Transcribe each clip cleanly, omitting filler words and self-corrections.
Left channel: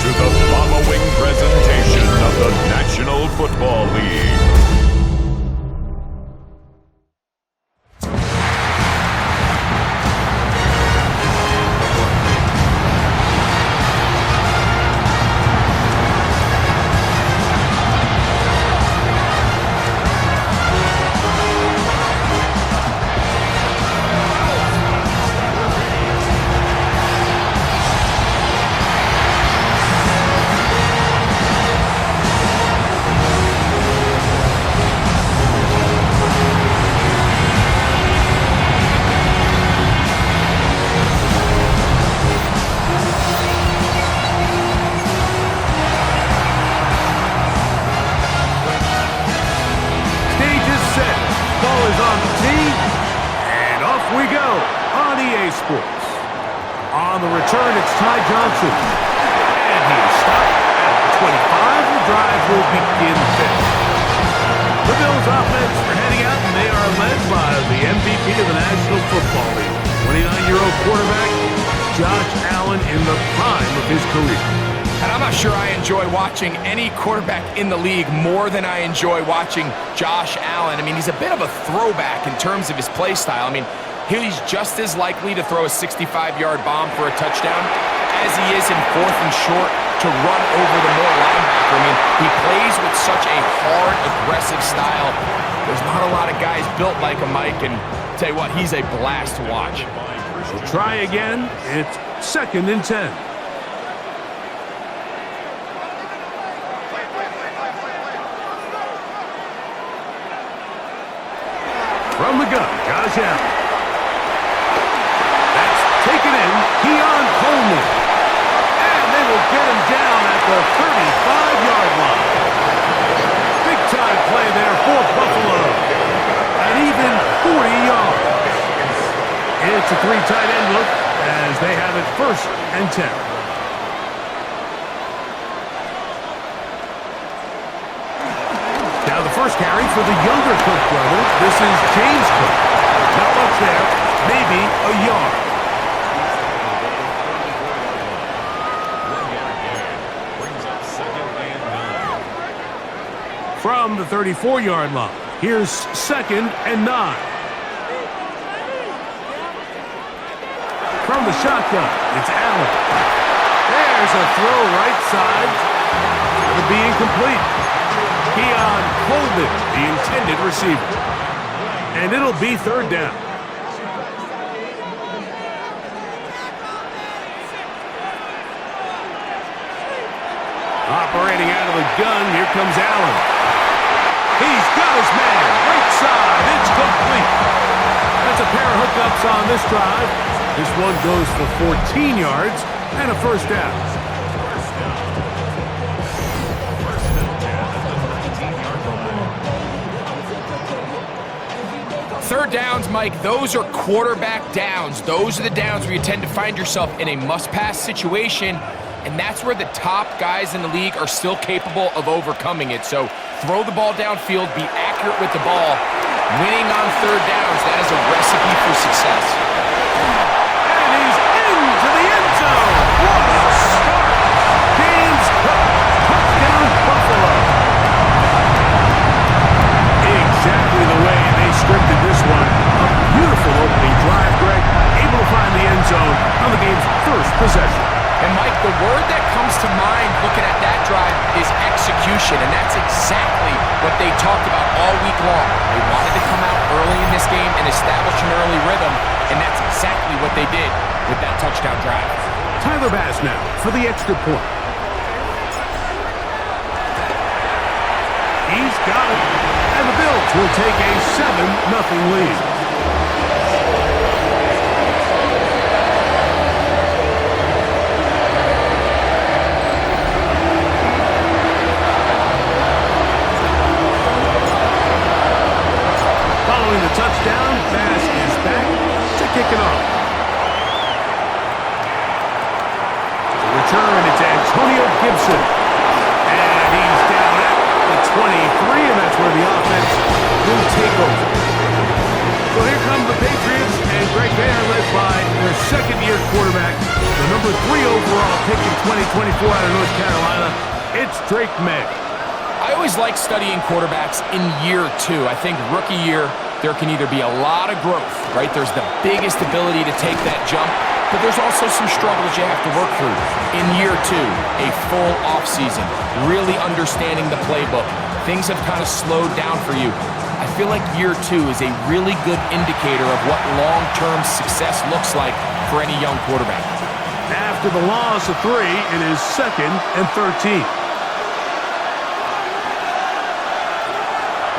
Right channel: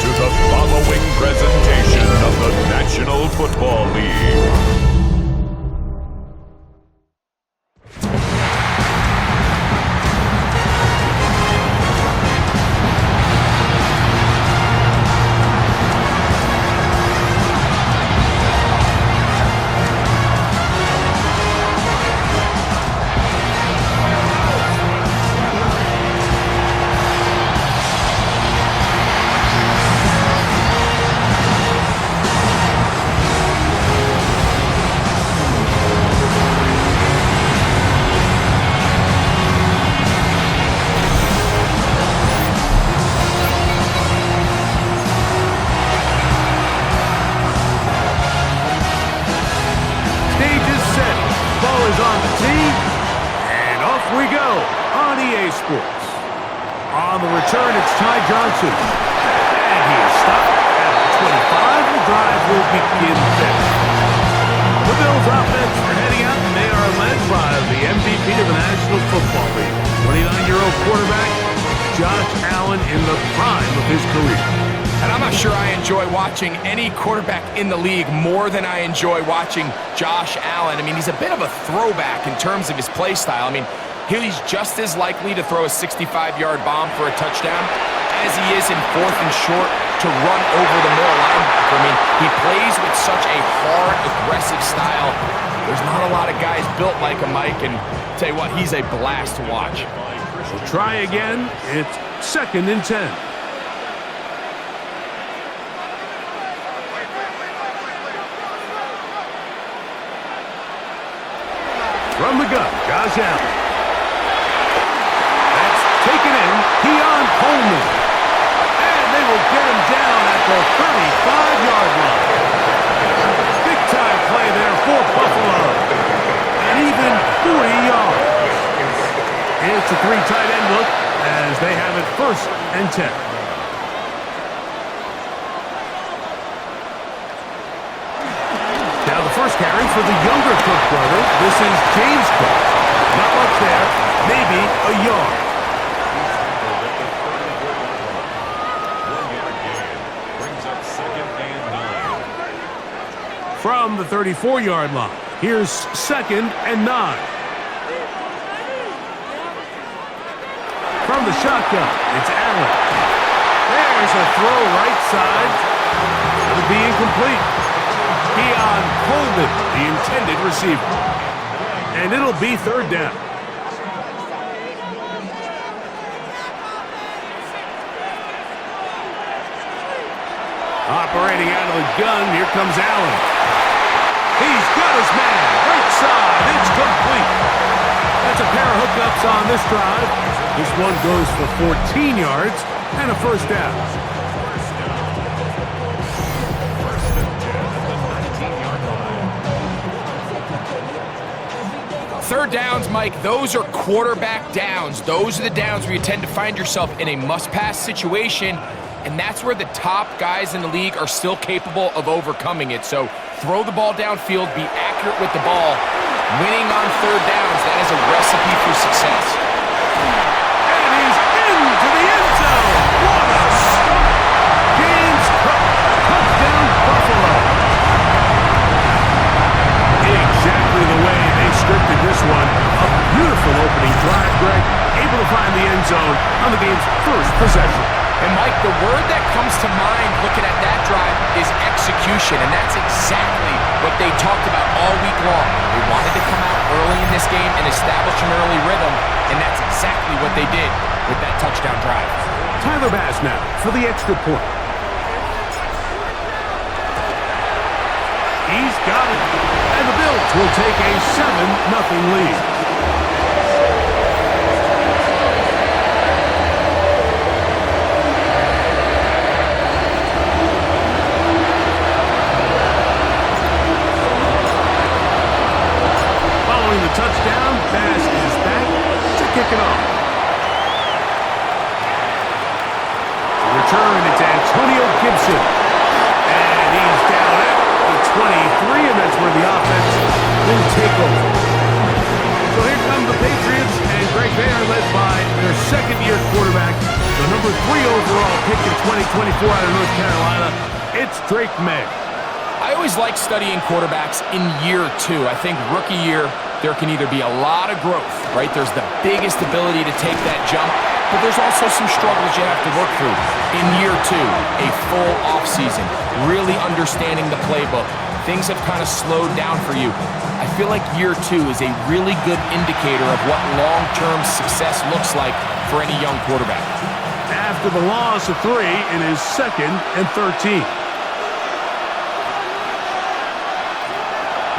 to the following presentation of the National Football League. Ball is on the tee, and off we go on EA Sports. On the return, it's Ty Johnson. And he is stopped at the 25. The drive will begin then. The Bills offense are heading out, and they are led by the MVP of the National Football League, 29-year-old quarterback Josh Allen in the prime of his career. And I'm not sure I enjoy watching any quarterback in the league more than I enjoy watching Josh Allen. I mean, he's a bit of a throwback in terms of his play style. I mean, he's just as likely to throw a 65-yard bomb for a touchdown as he is in 4th and short to run over the middle linebacker. I mean, he plays with such a hard, aggressive style. There's not a lot of guys built like him, Mike, and tell you what, he's a blast to watch. We'll try again. It's 2nd and 10. From the gun, Josh Allen. That's taken in. Keon Coleman. And they will get him down at the 35-yard line. Big-time play there for Buffalo. An even 40 yards. It's a 3 tight end look as they have it 1st and 10. Now the first carry for the younger Cook brother. This is James Cook. Not much there, maybe a yard. 1-yard gain brings up 2nd and 9. From the 34-yard line, here's 2nd and 9. From the shotgun, it's Allen. There's a throw right side. It'll be incomplete. Keon Coleman, the intended receiver. And it'll be 3rd down. Operating out of the gun, here comes Allen. He's got his man, right side, it's complete. That's a pair of hookups on this drive. This one goes for 14 yards and a 1st down. 3rd downs, Mike, those are quarterback downs. Those are the downs where you tend to find yourself in a must-pass situation, and that's where the top guys in the league are still capable of overcoming it. So throw the ball downfield, be accurate with the ball. Winning on 3rd downs, that is a recipe for success. And he's into the end zone. What a start. James Cook, touchdown Buffalo. Exactly the way they scripted this one. A beautiful opening drive, Greg. Able to find the end zone on the game's 1st possession. And, Mike, the word that comes to mind looking at that drive is execution, and that's exactly what they talked about all week long. They wanted to come out early in this game and establish an early rhythm, and that's exactly what they did with that touchdown drive. Tyler Bass now for the extra point. He's got it. And the Bills will take a 7-0 lead. Following the touchdown, Bass is back to kick it off. To return, it's Antonio Gibson. And he's down at the 23, and that's where the offense will take over. So here come the Patriots, and Greg, they are led by their 2nd-year quarterback, the number 3 overall pick in 2024 out of North Carolina, it's Drake May. I always like studying quarterbacks in year 2. I think rookie year, there can either be a lot of growth, right? There's the biggest ability to take that jump, but there's also some struggles you have to work through. In year 2, a full offseason, really understanding the playbook. Things have kind of slowed down for you. I feel like year 2 is a really good indicator of what long-term success looks like for any young quarterback. After the loss of 3, it is 2nd and 13.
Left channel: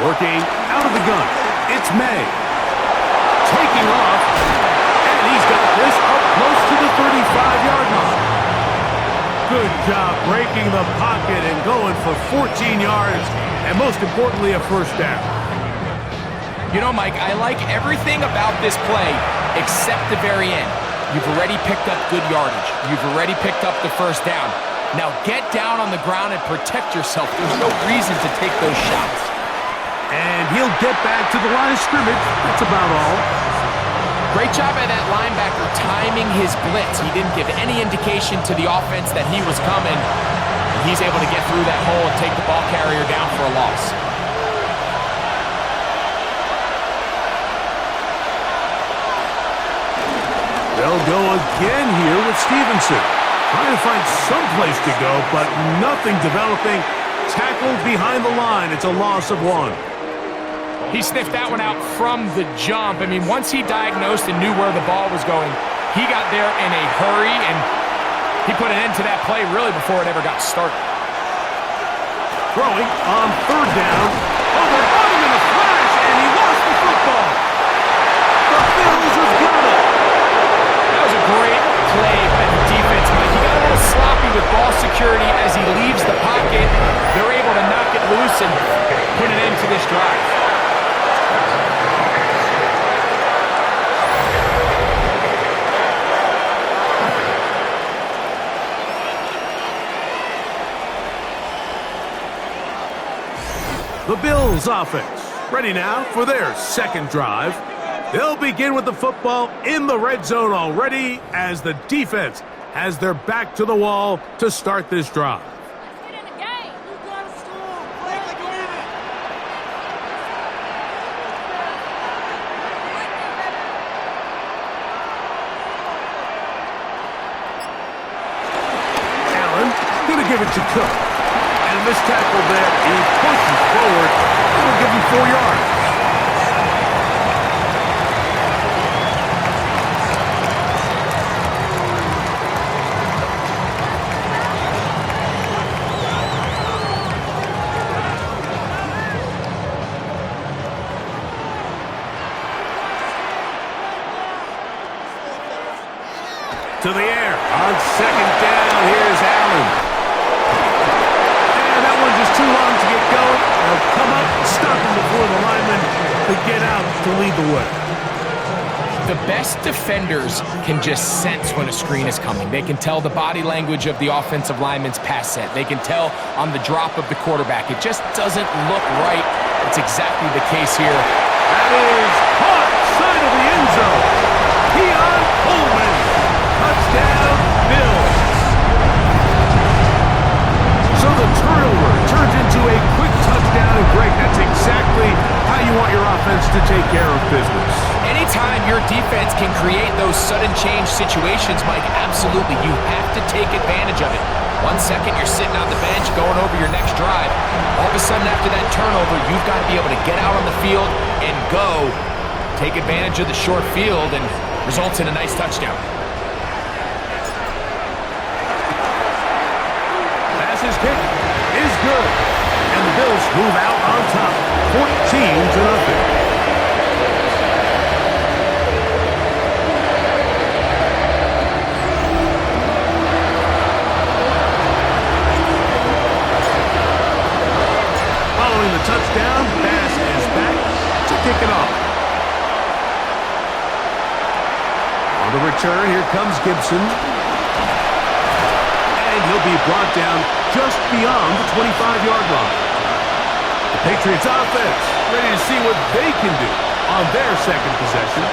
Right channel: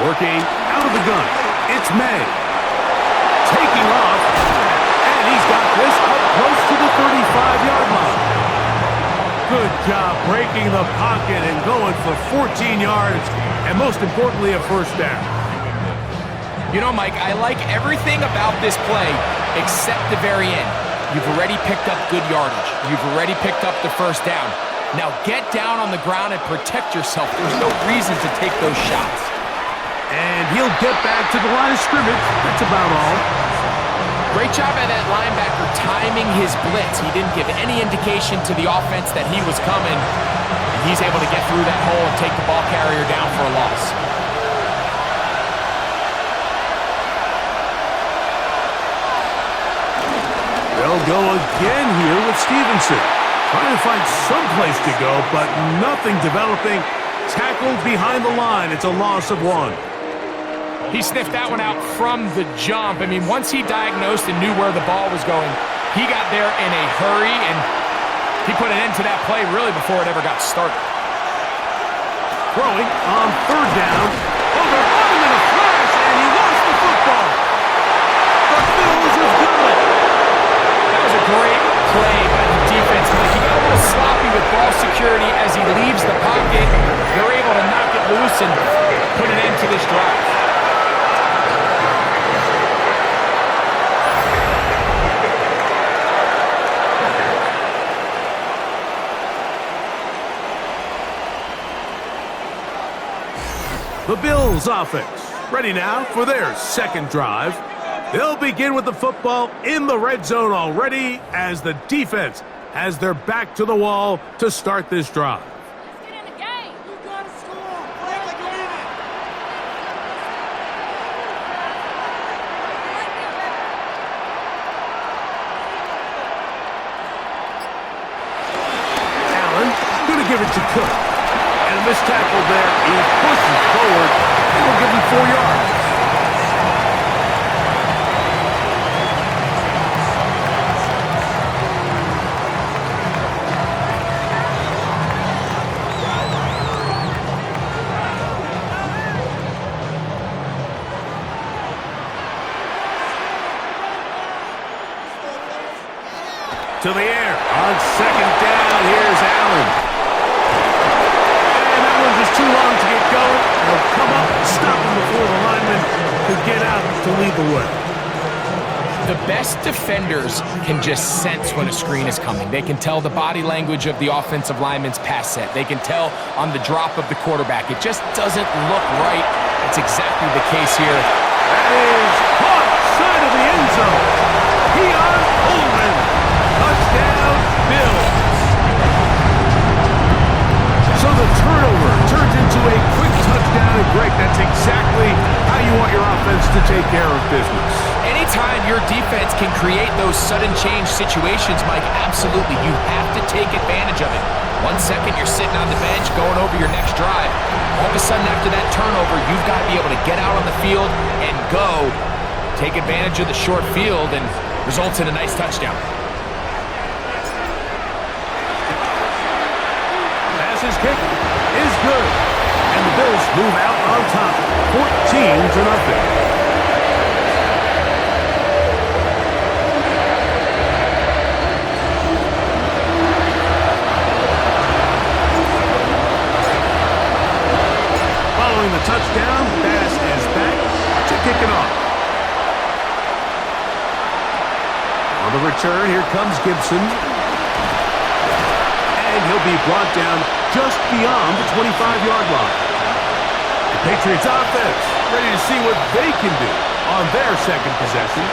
Working out of the gun, it's May. Taking off, and he's got this up close to the 35-yard line. Good job breaking the pocket and going for 14 yards, and most importantly, a first down. You know, Mike, I like everything about this play except the very end. You've already picked up good yardage. You've already picked up the first down. Now get down on the ground and protect yourself. There's no reason to take those shots. And he'll get back to the line of scrimmage. That's about all. Great job by that linebacker timing his blitz. He didn't give any indication to the offense that he was coming. And he's able to get through that hole and take the ball carrier down for a loss. They'll go again here with Stevenson. Trying to find some place to go, but nothing developing. Tackled behind the line. It's a loss of 1. He sniffed that one out from the jump. I mean, once he diagnosed and knew where the ball was going, he got there in a hurry, and he put an end to that play really before it ever got started. Throwing on 3rd down. Oh, they're on him in a flash, and he lost the football. The Bills have got it. That was a great play by the defense, Mike. He got a little sloppy with ball security as he leaves the pocket. They're able to knock it loose and put an end to this drive. The Bills offense ready now for their 2nd drive. They'll begin with the football in the red zone already as the defense has their back to the wall to start this drive. Let's get in the game. You gotta score. Play like you mean it. Allen gonna give it to Cook. And a missed tackle there. He pushes forward. It'll give him 4 yards. To the air on 2nd down. Here's Allen. And that one just too long to get going. They'll come up, stop him before the lineman could get out to lead the way. The best defenders can just sense when a screen is coming. They can tell the body language of the offensive lineman's pass set. They can tell on the drop of the quarterback. It just doesn't look right. It's exactly the case here. That is caught side of the end zone. Keon Coleman. Touchdown, Bills. So the turnover turns into a quick touchdown, and Greg, that's exactly how you want your offense to take care of business. Anytime your defense can create those sudden change situations, Mike, absolutely, you have to take advantage of it. 1 second, you're sitting on the bench going over your next drive. All of a sudden, after that turnover, you've got to be able to get out on the field and go. Take advantage of the short field, and results in a nice touchdown. His kick is good, and the Bills move out on top, 14-0. Following the touchdown, Bass is back to kick it off. On the return, here comes Gibson. And he'll be brought down just beyond the 25-yard line. The Patriots offense ready to see what they can do on their 2nd possession.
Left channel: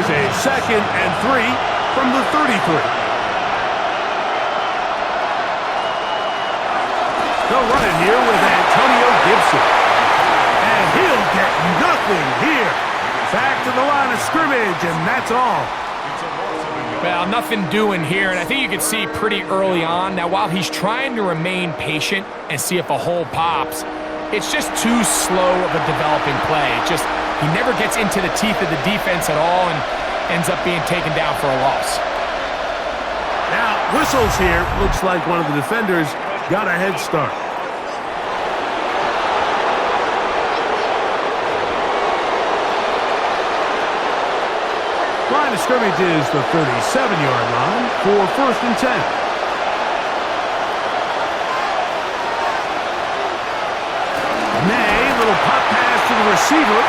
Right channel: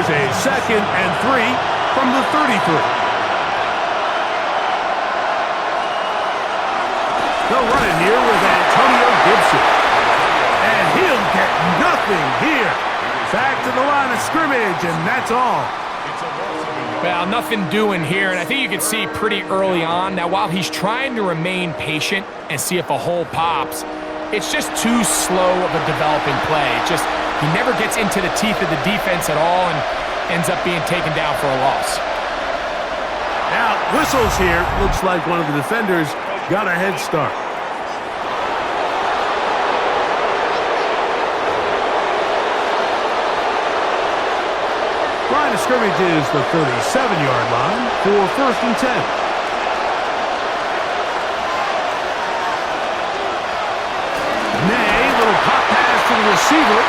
Here's a 2nd and 3 from the 33. They'll run it here with Antonio Gibson. And he'll get nothing here. Back to the line of scrimmage, and that's all. Well, nothing doing here, and I think you can see pretty early on. Now, while he's trying to remain patient and see if a hole pops, it's just too slow of a developing play. He never gets into the teeth of the defense at all and ends up being taken down for a loss. Now, whistles here. Looks like one of the defenders got a head start. Line of scrimmage is the 37-yard line for 1st and 10. May, little pop pass to the receiver.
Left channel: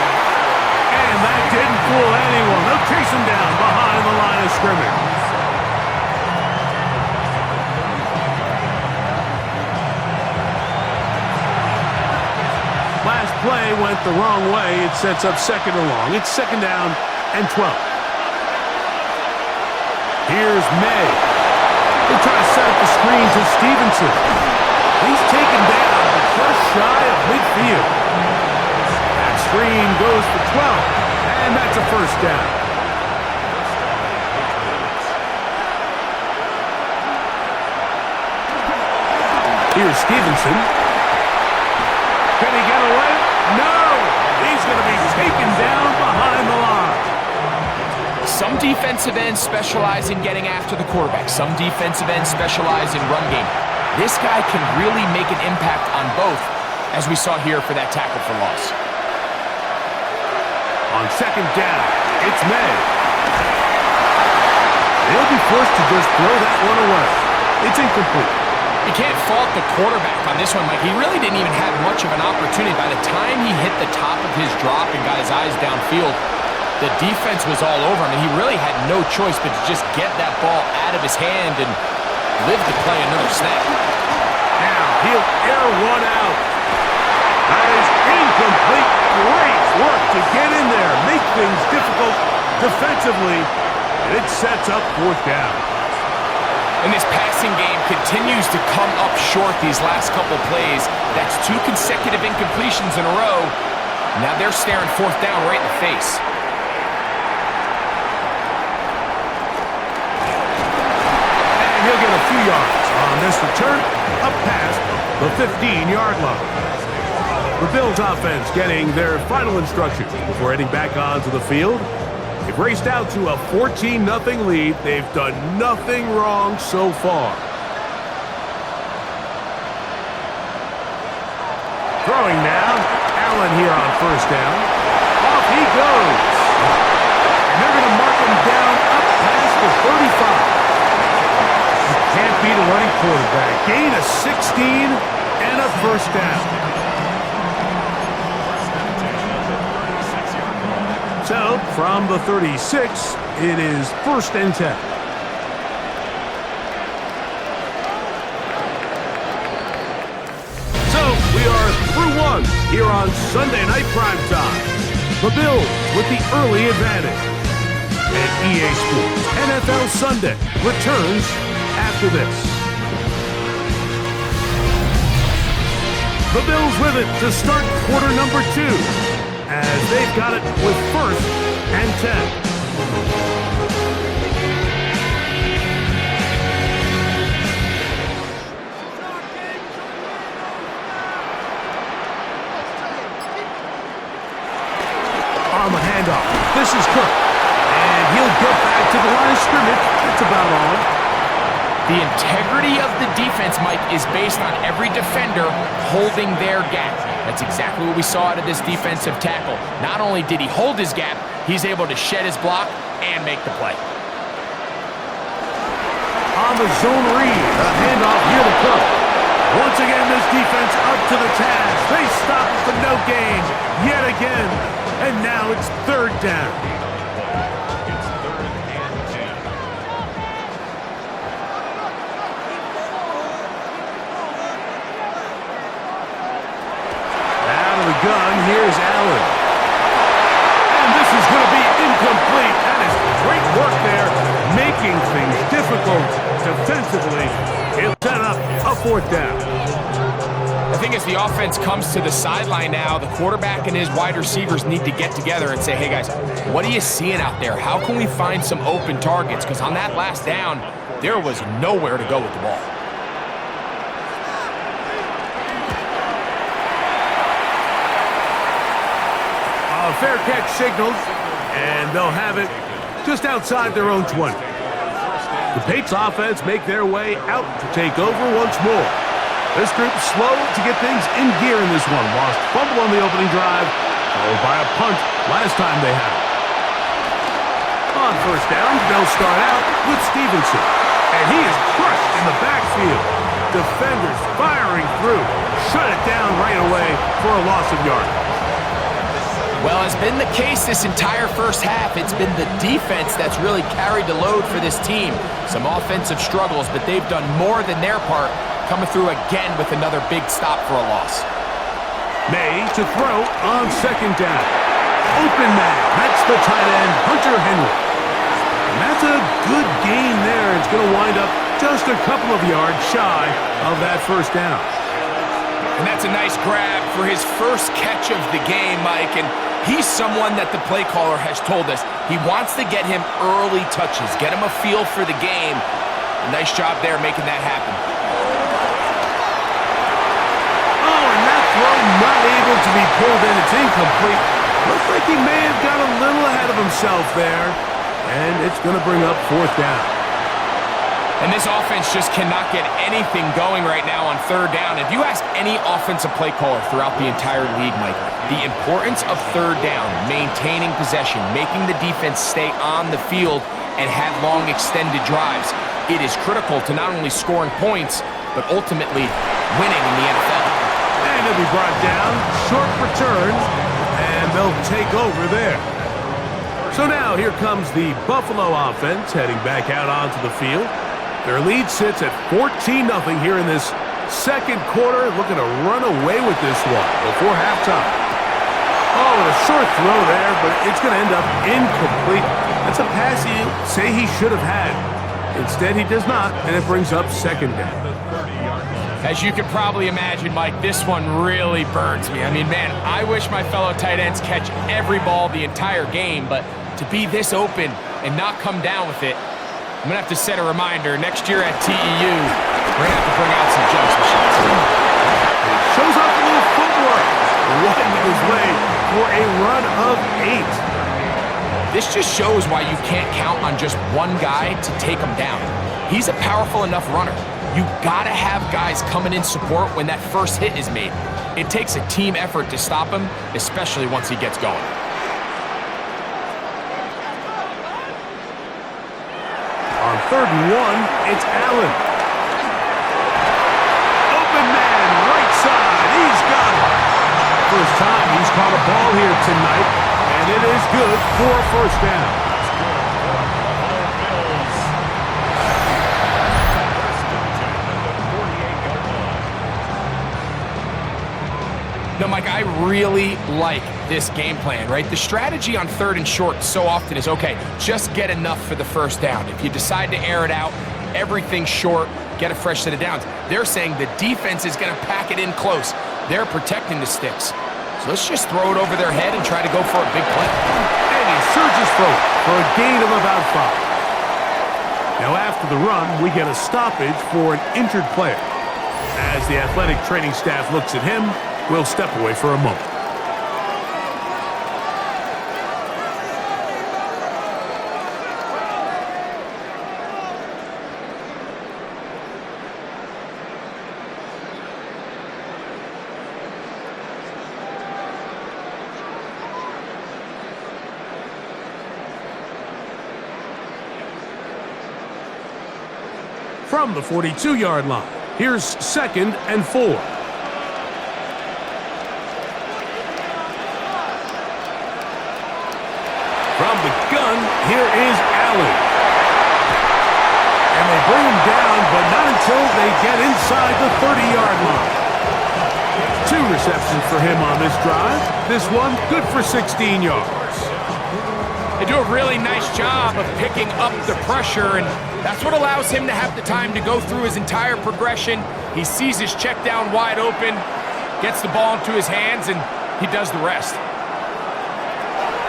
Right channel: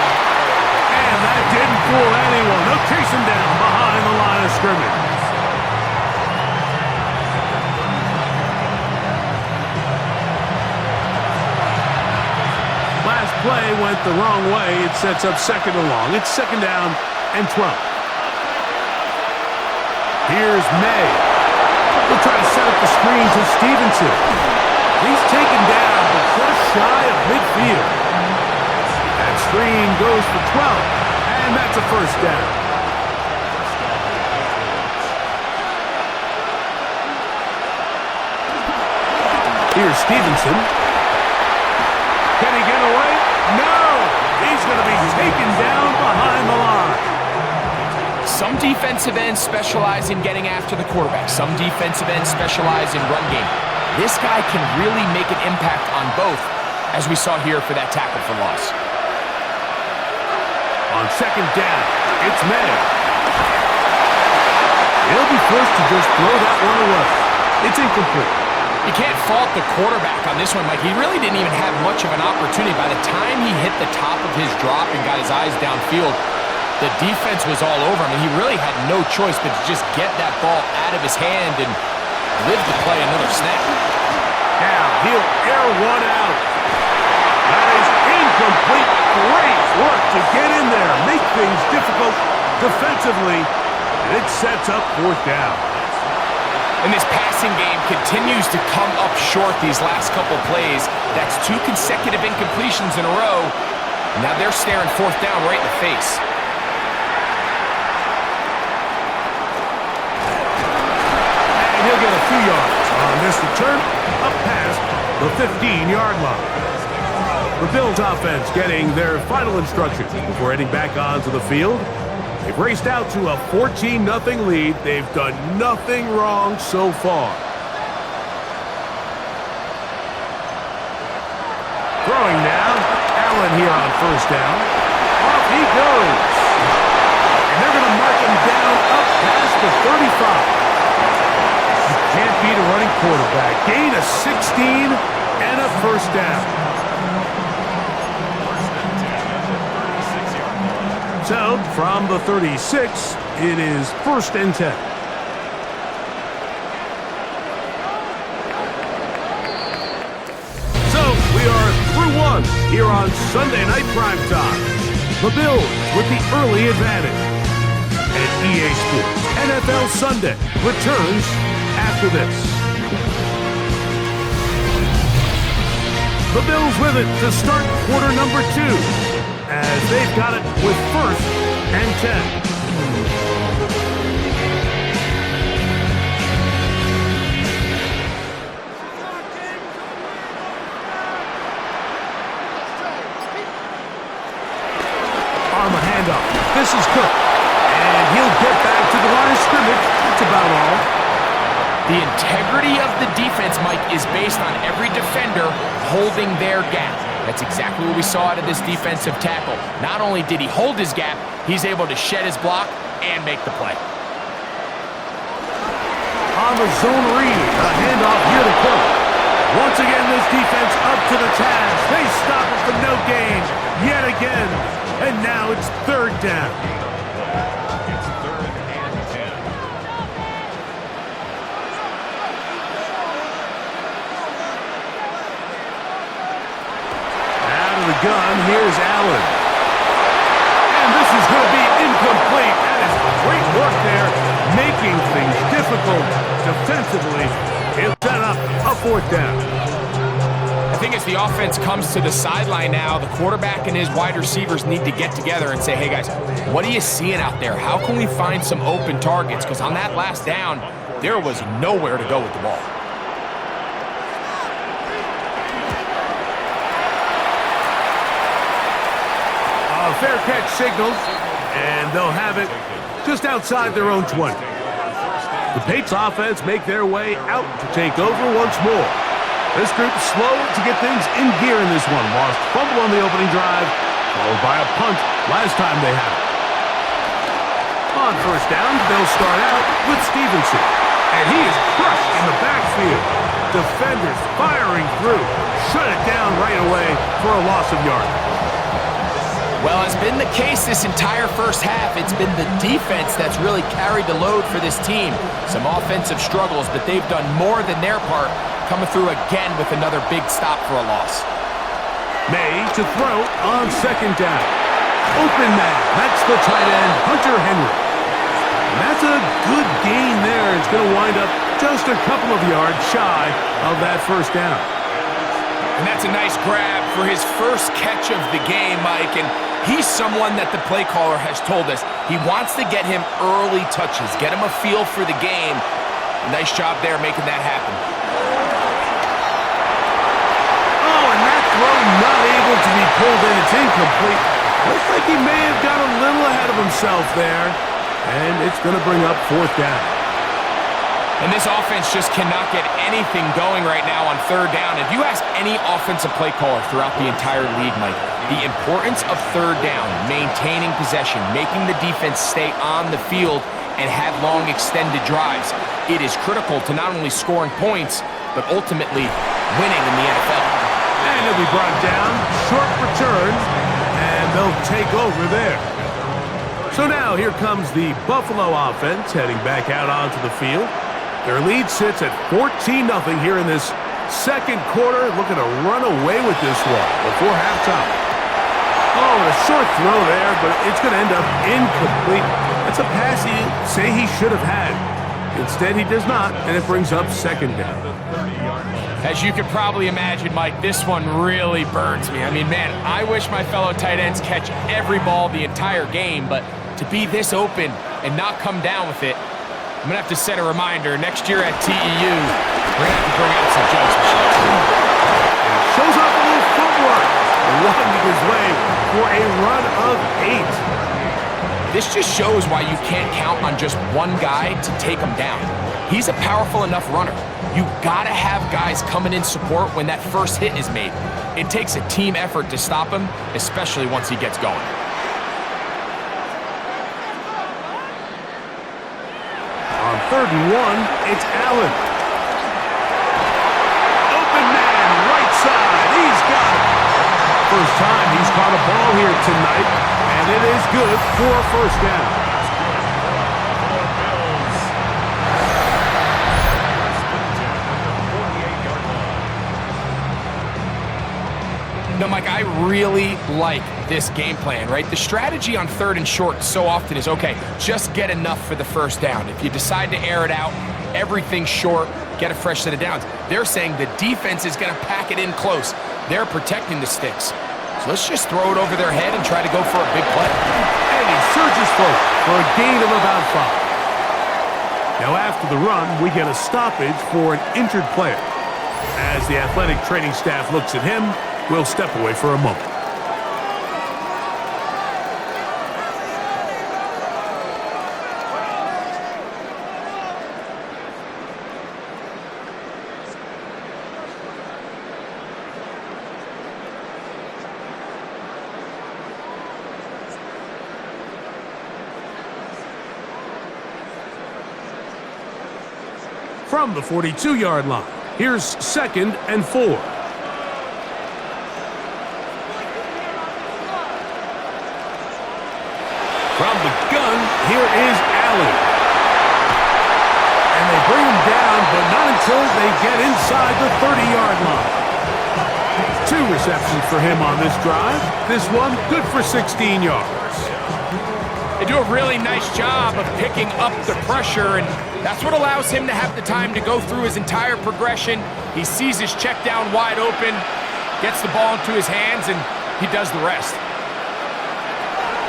And that didn't fool anyone. They'll chase him down behind the line of scrimmage. Last play went the wrong way. It sets up 2nd and long. It's 2nd down and 12. Here's May. He'll try to set up the screen to Stevenson. He's taken down, but just shy of midfield. That screen goes for 12, and that's a 1st down. Here's Stevenson. Can he get away? No! He's going to be taken down behind the line. Some defensive ends specialize in getting after the quarterback. Some defensive ends specialize in run game. This guy can really make an impact on both, as we saw here for that tackle for loss. On 2nd down, it's May. He'll be forced to just throw that one away. It's incomplete. You can't fault the quarterback on this one, Mike. He really didn't even have much of an opportunity. By the time he hit the top of his drop and got his eyes downfield, the defense was all over him, and he really had no choice but to just get that ball out of his hand and live to play another snap. Now he'll air one out. That is incomplete. Great work to get in there, make things difficult defensively, and it sets up 4th down. And this passing game continues to come up short these last couple plays. That's 2 consecutive incompletions in a row. Now they're staring 4th down right in the face. And he'll get a few yards on this return up past the 15-yard line. The Bills offense getting their final instructions before heading back onto the field. They've raced out to a 14-0 lead. They've done nothing wrong so far. Throwing now. Allen here on 1st down. Off he goes. And they're going to mark him down up past the 35. You can't beat a running quarterback. Gain of 16 and a 1st down. So, from the 36, it is 1st and 10. So, we are through one here on Sunday Night Primetime. The Bills with the early advantage. And EA Sports NFL Sunday returns after this. The Bills with it to start quarter number 2. As they've got it with 1st and 10. On the handoff, this is Cook. And he'll get back to the line of scrimmage. That's about all. The integrity of the defense, Mike, is based on every defender holding their gap. That's exactly what we saw out of this defensive tackle. Not only did he hold his gap, he's able to shed his block and make the play. On the zone read, a handoff here to Cook. Once again, this defense up to the task. They stop him for no gain yet again. And now it's 3rd down. It's 3rd and 10. Out of the gun, here's Allen. And this is going to be incomplete. Incomplete. That is great work there, making things difficult defensively. He'll set up a fourth down. I think as the offense comes to the sideline now, the quarterback and his wide receivers need to get together and say, hey guys, what are you seeing out there? How can we find some open targets? Because on that last down, there was nowhere to go with the ball. A fair catch signaled, and they'll have it just outside their own 20. The Patriots offense make their way out to take over once more. This group slow to get things in gear in this one. Lost fumble on the opening drive, followed by a punt last time they had it. On first down, they'll start out with Stevenson. And he is crushed in the backfield. Defenders firing through. Shut it down right away for a loss of yardage. Well, as been the case this entire first half, it's been the defense that's really carried the load for this team. Some offensive struggles, but they've done more than their part, coming through again with another big stop for a loss. May to throw on second down. Open man. That's the tight end, Hunter Henry. And that's a good gain there. It's going to wind up just a couple of yards shy of that first down. And that's a nice grab for his first catch of the game, Mike. And he's someone that the play caller has told us he wants to get him early touches, get him a feel for the game. Nice job there making that happen. Oh, and that throw not able to be pulled in. It's incomplete. Looks like he may have got a little ahead of himself there. And it's going to bring up fourth down. And this offense just cannot get anything going right now on third down. If you ask any offensive play caller throughout the entire league, Mike, the importance of third down, maintaining possession, making the defense stay on the field and have long extended drives, it is critical to not only scoring points, but ultimately winning in the NFL. And he'll be brought down, short return, and they'll take over there. So now here comes the Buffalo offense heading back out onto the field. Their lead sits at 14-0 here in this second quarter, looking to run away with this one before halftime. Oh, and a short throw there, but it's going to end up incomplete. That's a pass you say he should have had. Instead, he does not, and it brings up second down. As you can probably imagine, Mike, this one really burns me. I mean, man, I wish my fellow tight ends catch every ball the entire game, but to be this open and not come down with it, I'm going to have to set a reminder. Next year at TEU, we're going to have to bring out some jugs machines. And he shows off a little footwork, winding his way for a run of 8. This just shows why you can't count on just one guy to take him down. He's a powerful enough runner. You got to have guys coming in support when that first hit is made. It takes a team effort to stop him, especially once he gets going. On 3rd and 1, it's Allen. Open man, right side. He's got it. First time he's caught a ball here tonight, and it is good for a first down. It's good for the Buffalo Bills. First and 10 at the 48-yard line. No, Mike, I really like this game plan, right? The strategy on 3rd and short so often is, okay, just get enough for the first down. If you decide to air it out, everything short, get a fresh set of downs. They're saying the defense is going to pack it in close. They're protecting the sticks. So let's just throw it over their head and try to go for a big play. And he surges forward for a gain of about 5. Now after the run, we get a stoppage for an injured player. As the athletic training staff looks at him, we'll step away for a moment. From the 42-yard line, here's 2nd and 4. From the gun, here is Allen. And they bring him down, but not until they get inside the 30-yard line. 2 receptions for him on this drive. This one good for 16 yards. They do a really nice job of picking up the pressure, and that's what allows him to have the time to go through his entire progression. He sees his check down wide open, gets the ball into his hands, and he does the rest.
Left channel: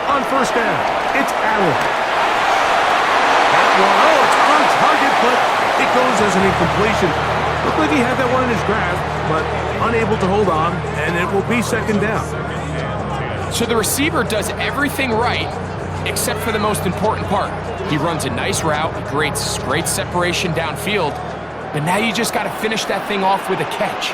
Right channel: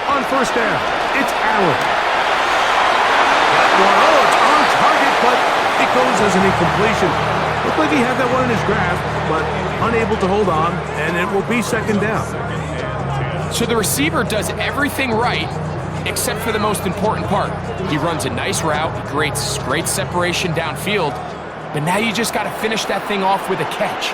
On first down, it's Allen. That one, oh, it's on target, but it goes as an incompletion. Looked like he had that one in his grasp, but unable to hold on, and it will be second down. So the receiver does everything right, except for the most important part. He runs a nice route, he creates great separation downfield, but now you just got to finish that thing off with a catch.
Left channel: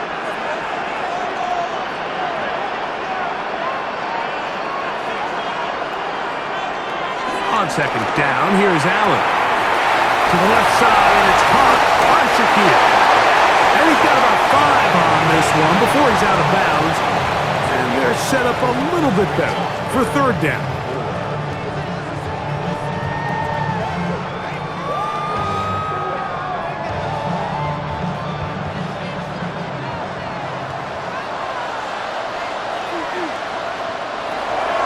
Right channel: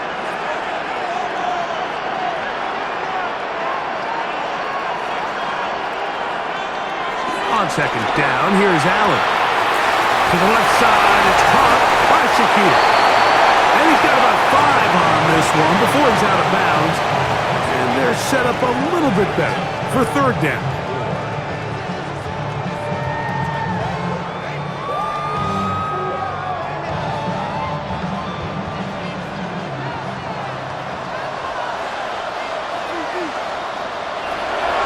On second down, here's Allen. To the left side, it's caught by Shakir. And he's got about 5 on this one before he's out of bounds. And they're set up a little bit better for third down.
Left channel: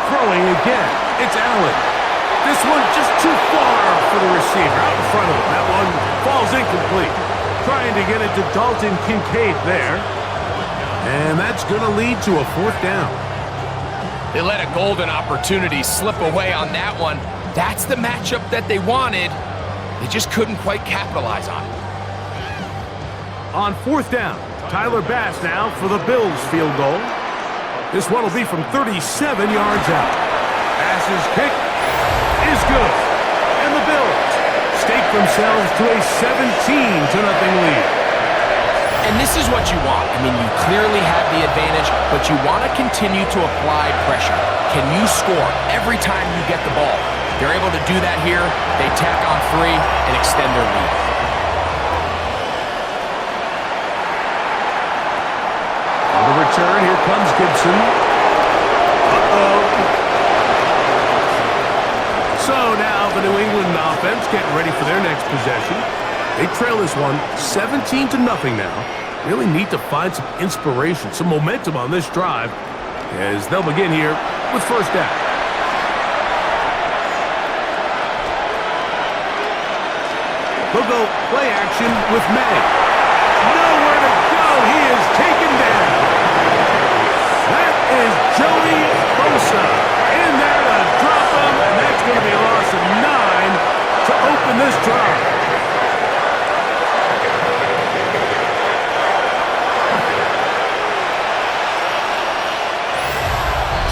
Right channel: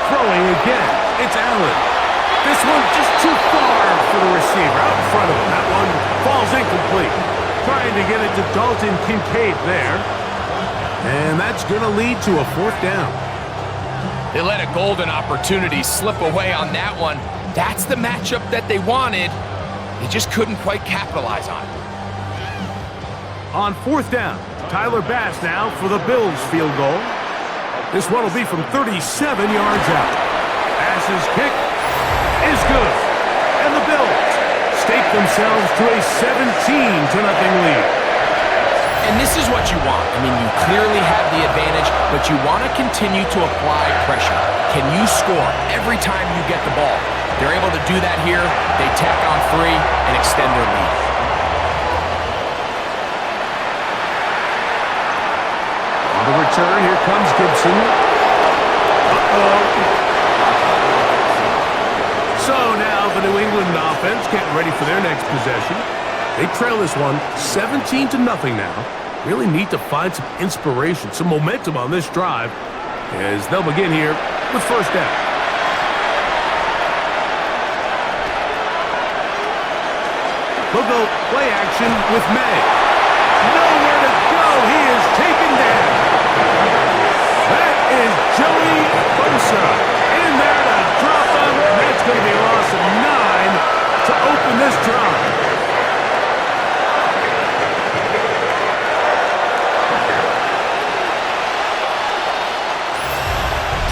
Throwing again, it's Allen. This one just too far for the receiver, out in front of him. That one falls incomplete. Trying to get it to Dalton Kincaid there. And that's going to lead to a fourth down. They let a golden opportunity slip away on that one. That's the matchup that they wanted. They just couldn't quite capitalize on it. On fourth down, Tyler Bass now for the Bills field goal. This one will be from 37 yards out. Bass's kick is good. And the Bills stake themselves to a 17-0 lead. And this is what you want. I mean, you clearly have the advantage, but you want to continue to apply pressure. Can you score every time you get the ball? They're able to do that here. They tack on 3 and extend their lead. On the return, here comes Gibson. So now the New England offense getting ready for their next possession. They trail this one 17-0 now. Really need to find some inspiration, some momentum on this drive as they'll begin here with first down. They'll go play action with May. Nowhere to go. He is taken down. That is Joey Bosa in there to drop him, and that's going to be a loss of 9 to open this drive.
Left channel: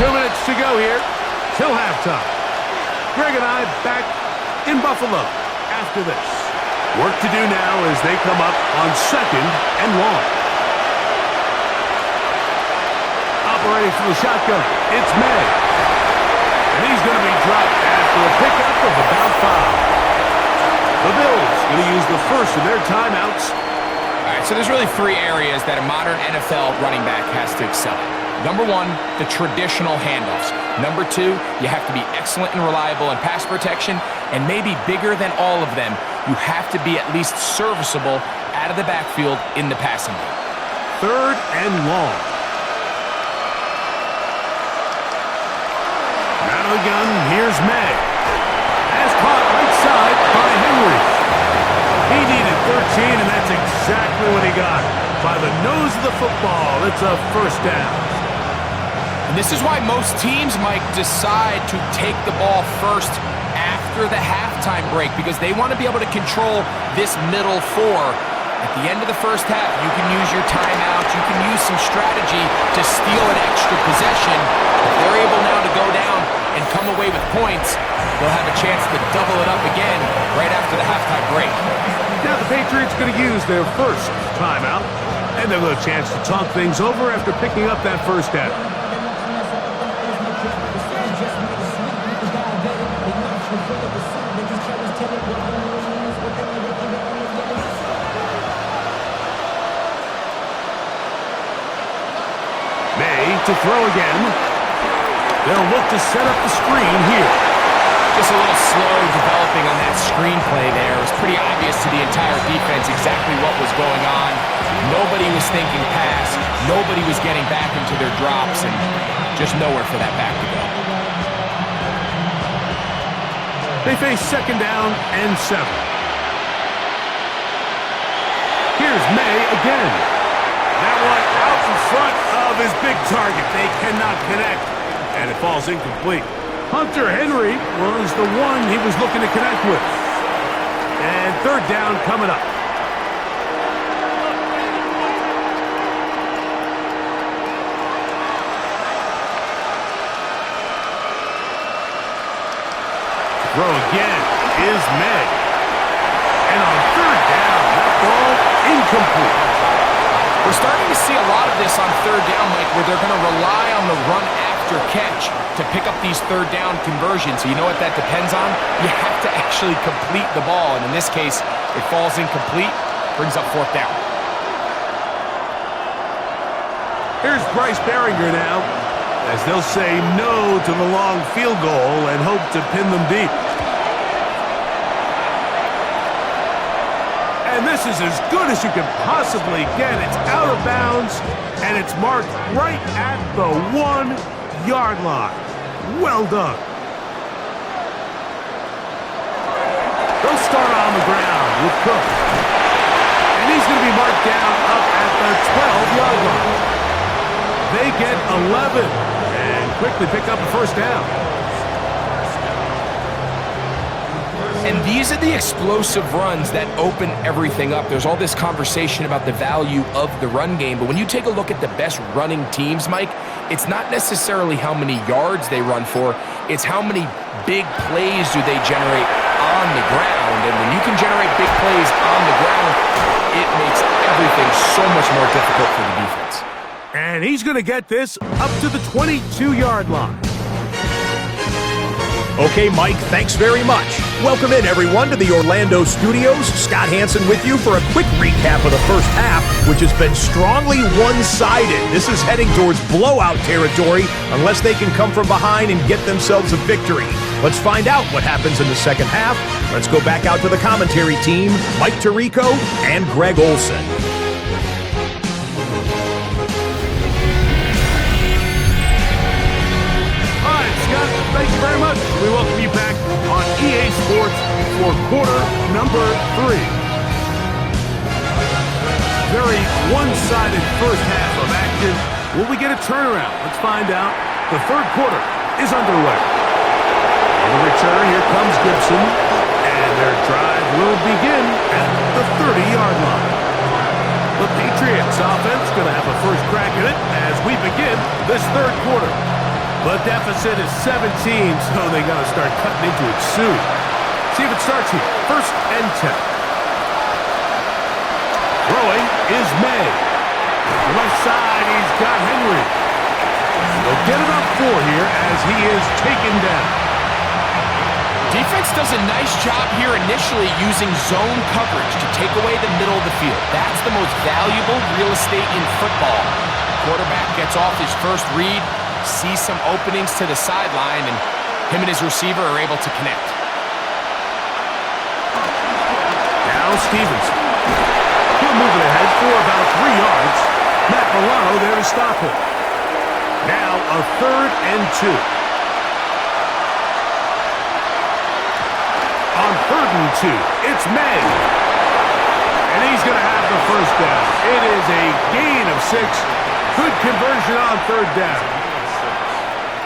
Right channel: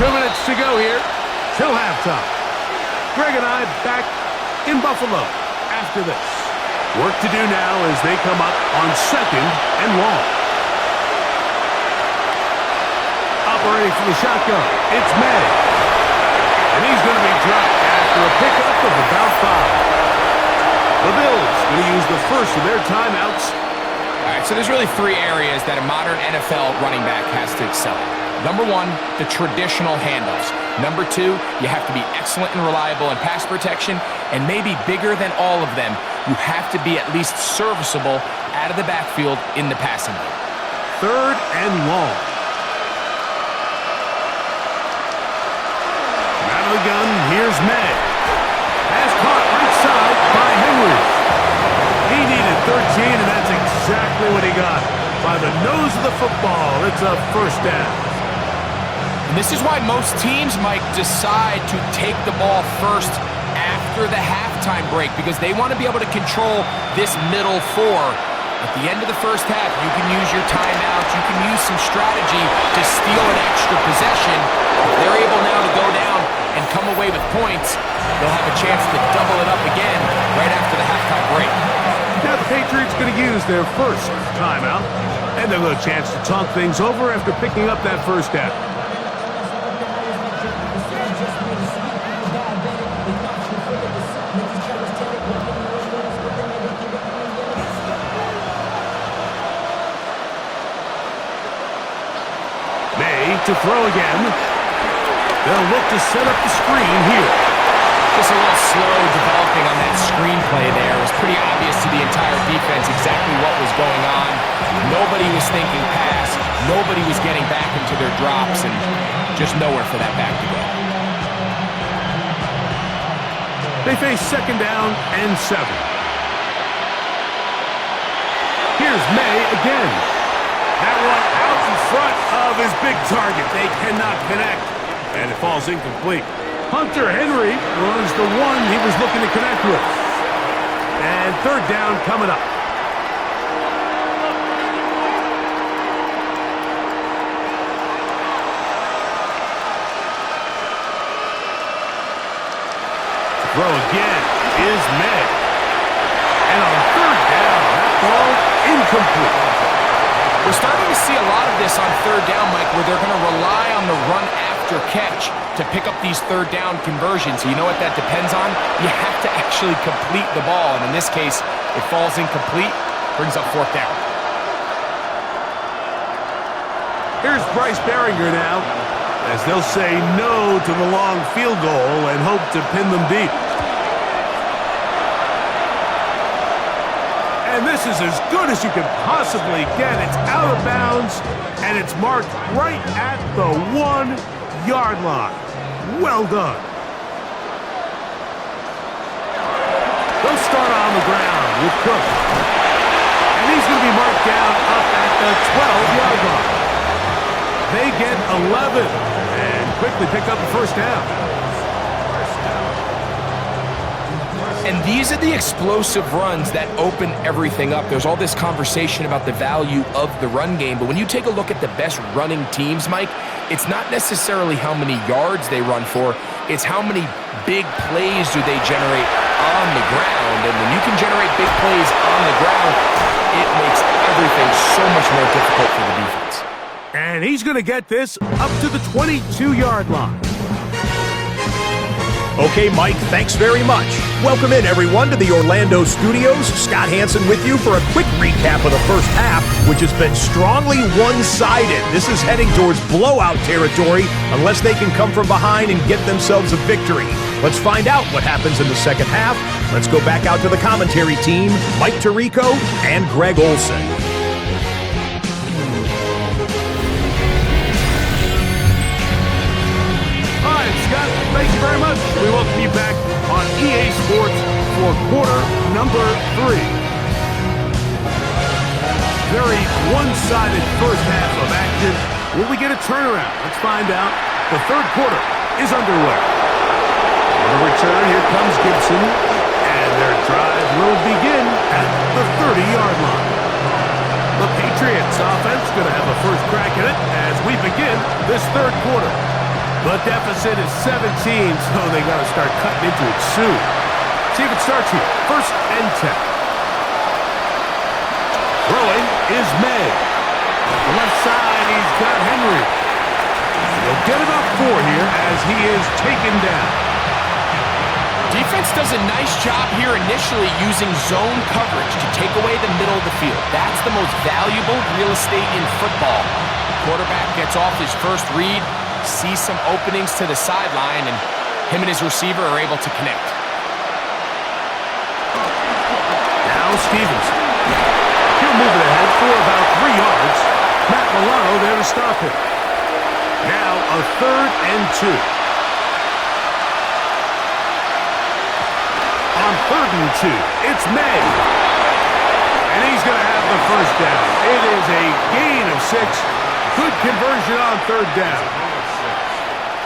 Two minutes to go here till halftime. Greg and I back in Buffalo after this. Work to do now as they come up on second and long. Operating from the shotgun, it's May. And he's going to be dropped after a pickup of about 5. The Bills going to use the first of their timeouts. All right, so there's really 3 areas that a modern NFL running back has to excel at. Number 1, the traditional handoffs. Number 2, you have to be excellent and reliable in pass protection. And maybe bigger than all of them, you have to be at least serviceable out of the backfield in the passing game. Third and long. Out of the gun, here's May. Pass caught right side by Henry. He needed 13, and that's exactly what he got. By the nose of the football, it's a first down. And this is why most teams, Mike, decide to take the ball first after the halftime break, because they want to be able to control this middle 4. At the end of the first half, you can use your timeout, you can use some strategy to steal an extra possession. If they're able now to go down and come away with points, they'll have a chance to double it up again right after the halftime break. Now the Patriots going to use their first timeout, and they'll have a chance to talk things over after picking up that first down. May to throw again. They'll look to set up the screen here. Just a little slow developing on that screenplay there. It was pretty obvious to the entire defense exactly what was going on. Nobody was thinking pass. Nobody was getting back into their drops, and just nowhere for that back to go. They face 2nd down and 7. Here's May again. That one out in front of his big target. They cannot connect, and it falls incomplete. Hunter Henry was the one he was looking to connect with. And 3rd down coming up. Throw again is May. And on 3rd down, that ball incomplete. We're starting to see a lot of this on 3rd down, Mike, where they're going to rely on the run after catch to pick up these 3rd down conversions. So you know what that depends on? You have to actually complete the ball. And in this case, it falls incomplete, brings up 4th down. Here's Bryce Behringer now, as they'll say no to the long field goal and hope to pin them deep. And this is as good as you can possibly get. It's out of bounds, and it's marked right at the 1-yard line. Well done. They'll start on the ground with Cook. And he's going to be marked down up at the 12-yard line. They get 11 and quickly pick up a 1st down. And these are the explosive runs that open everything up. There's all this conversation about the value of the run game, but when you take a look at the best running teams, Mike, it's not necessarily how many yards they run for, it's how many big plays do they generate on the ground. And when you can generate big plays on the ground, it makes everything so much more difficult for the defense. And he's going to get this up to the 22-yard line. Okay, Mike, thanks very much. Welcome in, everyone, to the Orlando studios. Scott Hansen with you for a quick recap of the first half, which has been strongly one-sided. This is heading towards blowout territory unless they can come from behind and get themselves a victory. Let's find out what happens in the second half. Let's go back out to the commentary team, Mike Tirico and Greg Olson. Thank you very much. We welcome you back on EA Sports for quarter number 3. Very one-sided first half of action. Will we get a turnaround? Let's find out. The 3rd quarter is underway. On the return, here comes Gibson, and their drive will begin at the 30-yard line. The Patriots offense going to have a first crack at it as we begin this 3rd quarter. The deficit is 17, so they got to start cutting into it soon. See if it starts here. 1st and 10. Throwing is May. The left side, he's got Henry. They'll get about 4 here as he is taken down. Defense does a nice job here initially using zone coverage to take away the middle of the field. That's the most valuable real estate in football. Quarterback gets off his first read, sees some openings to the sideline, and him and his receiver are able to connect. Now Stevenson. He'll move it ahead for about 3 yards. Matt Milano there to stop him. Now a 3rd and 2. On 3rd and 2, it's May. And he's going to have the 1st down. It is a gain of 6. Good conversion on 3rd down.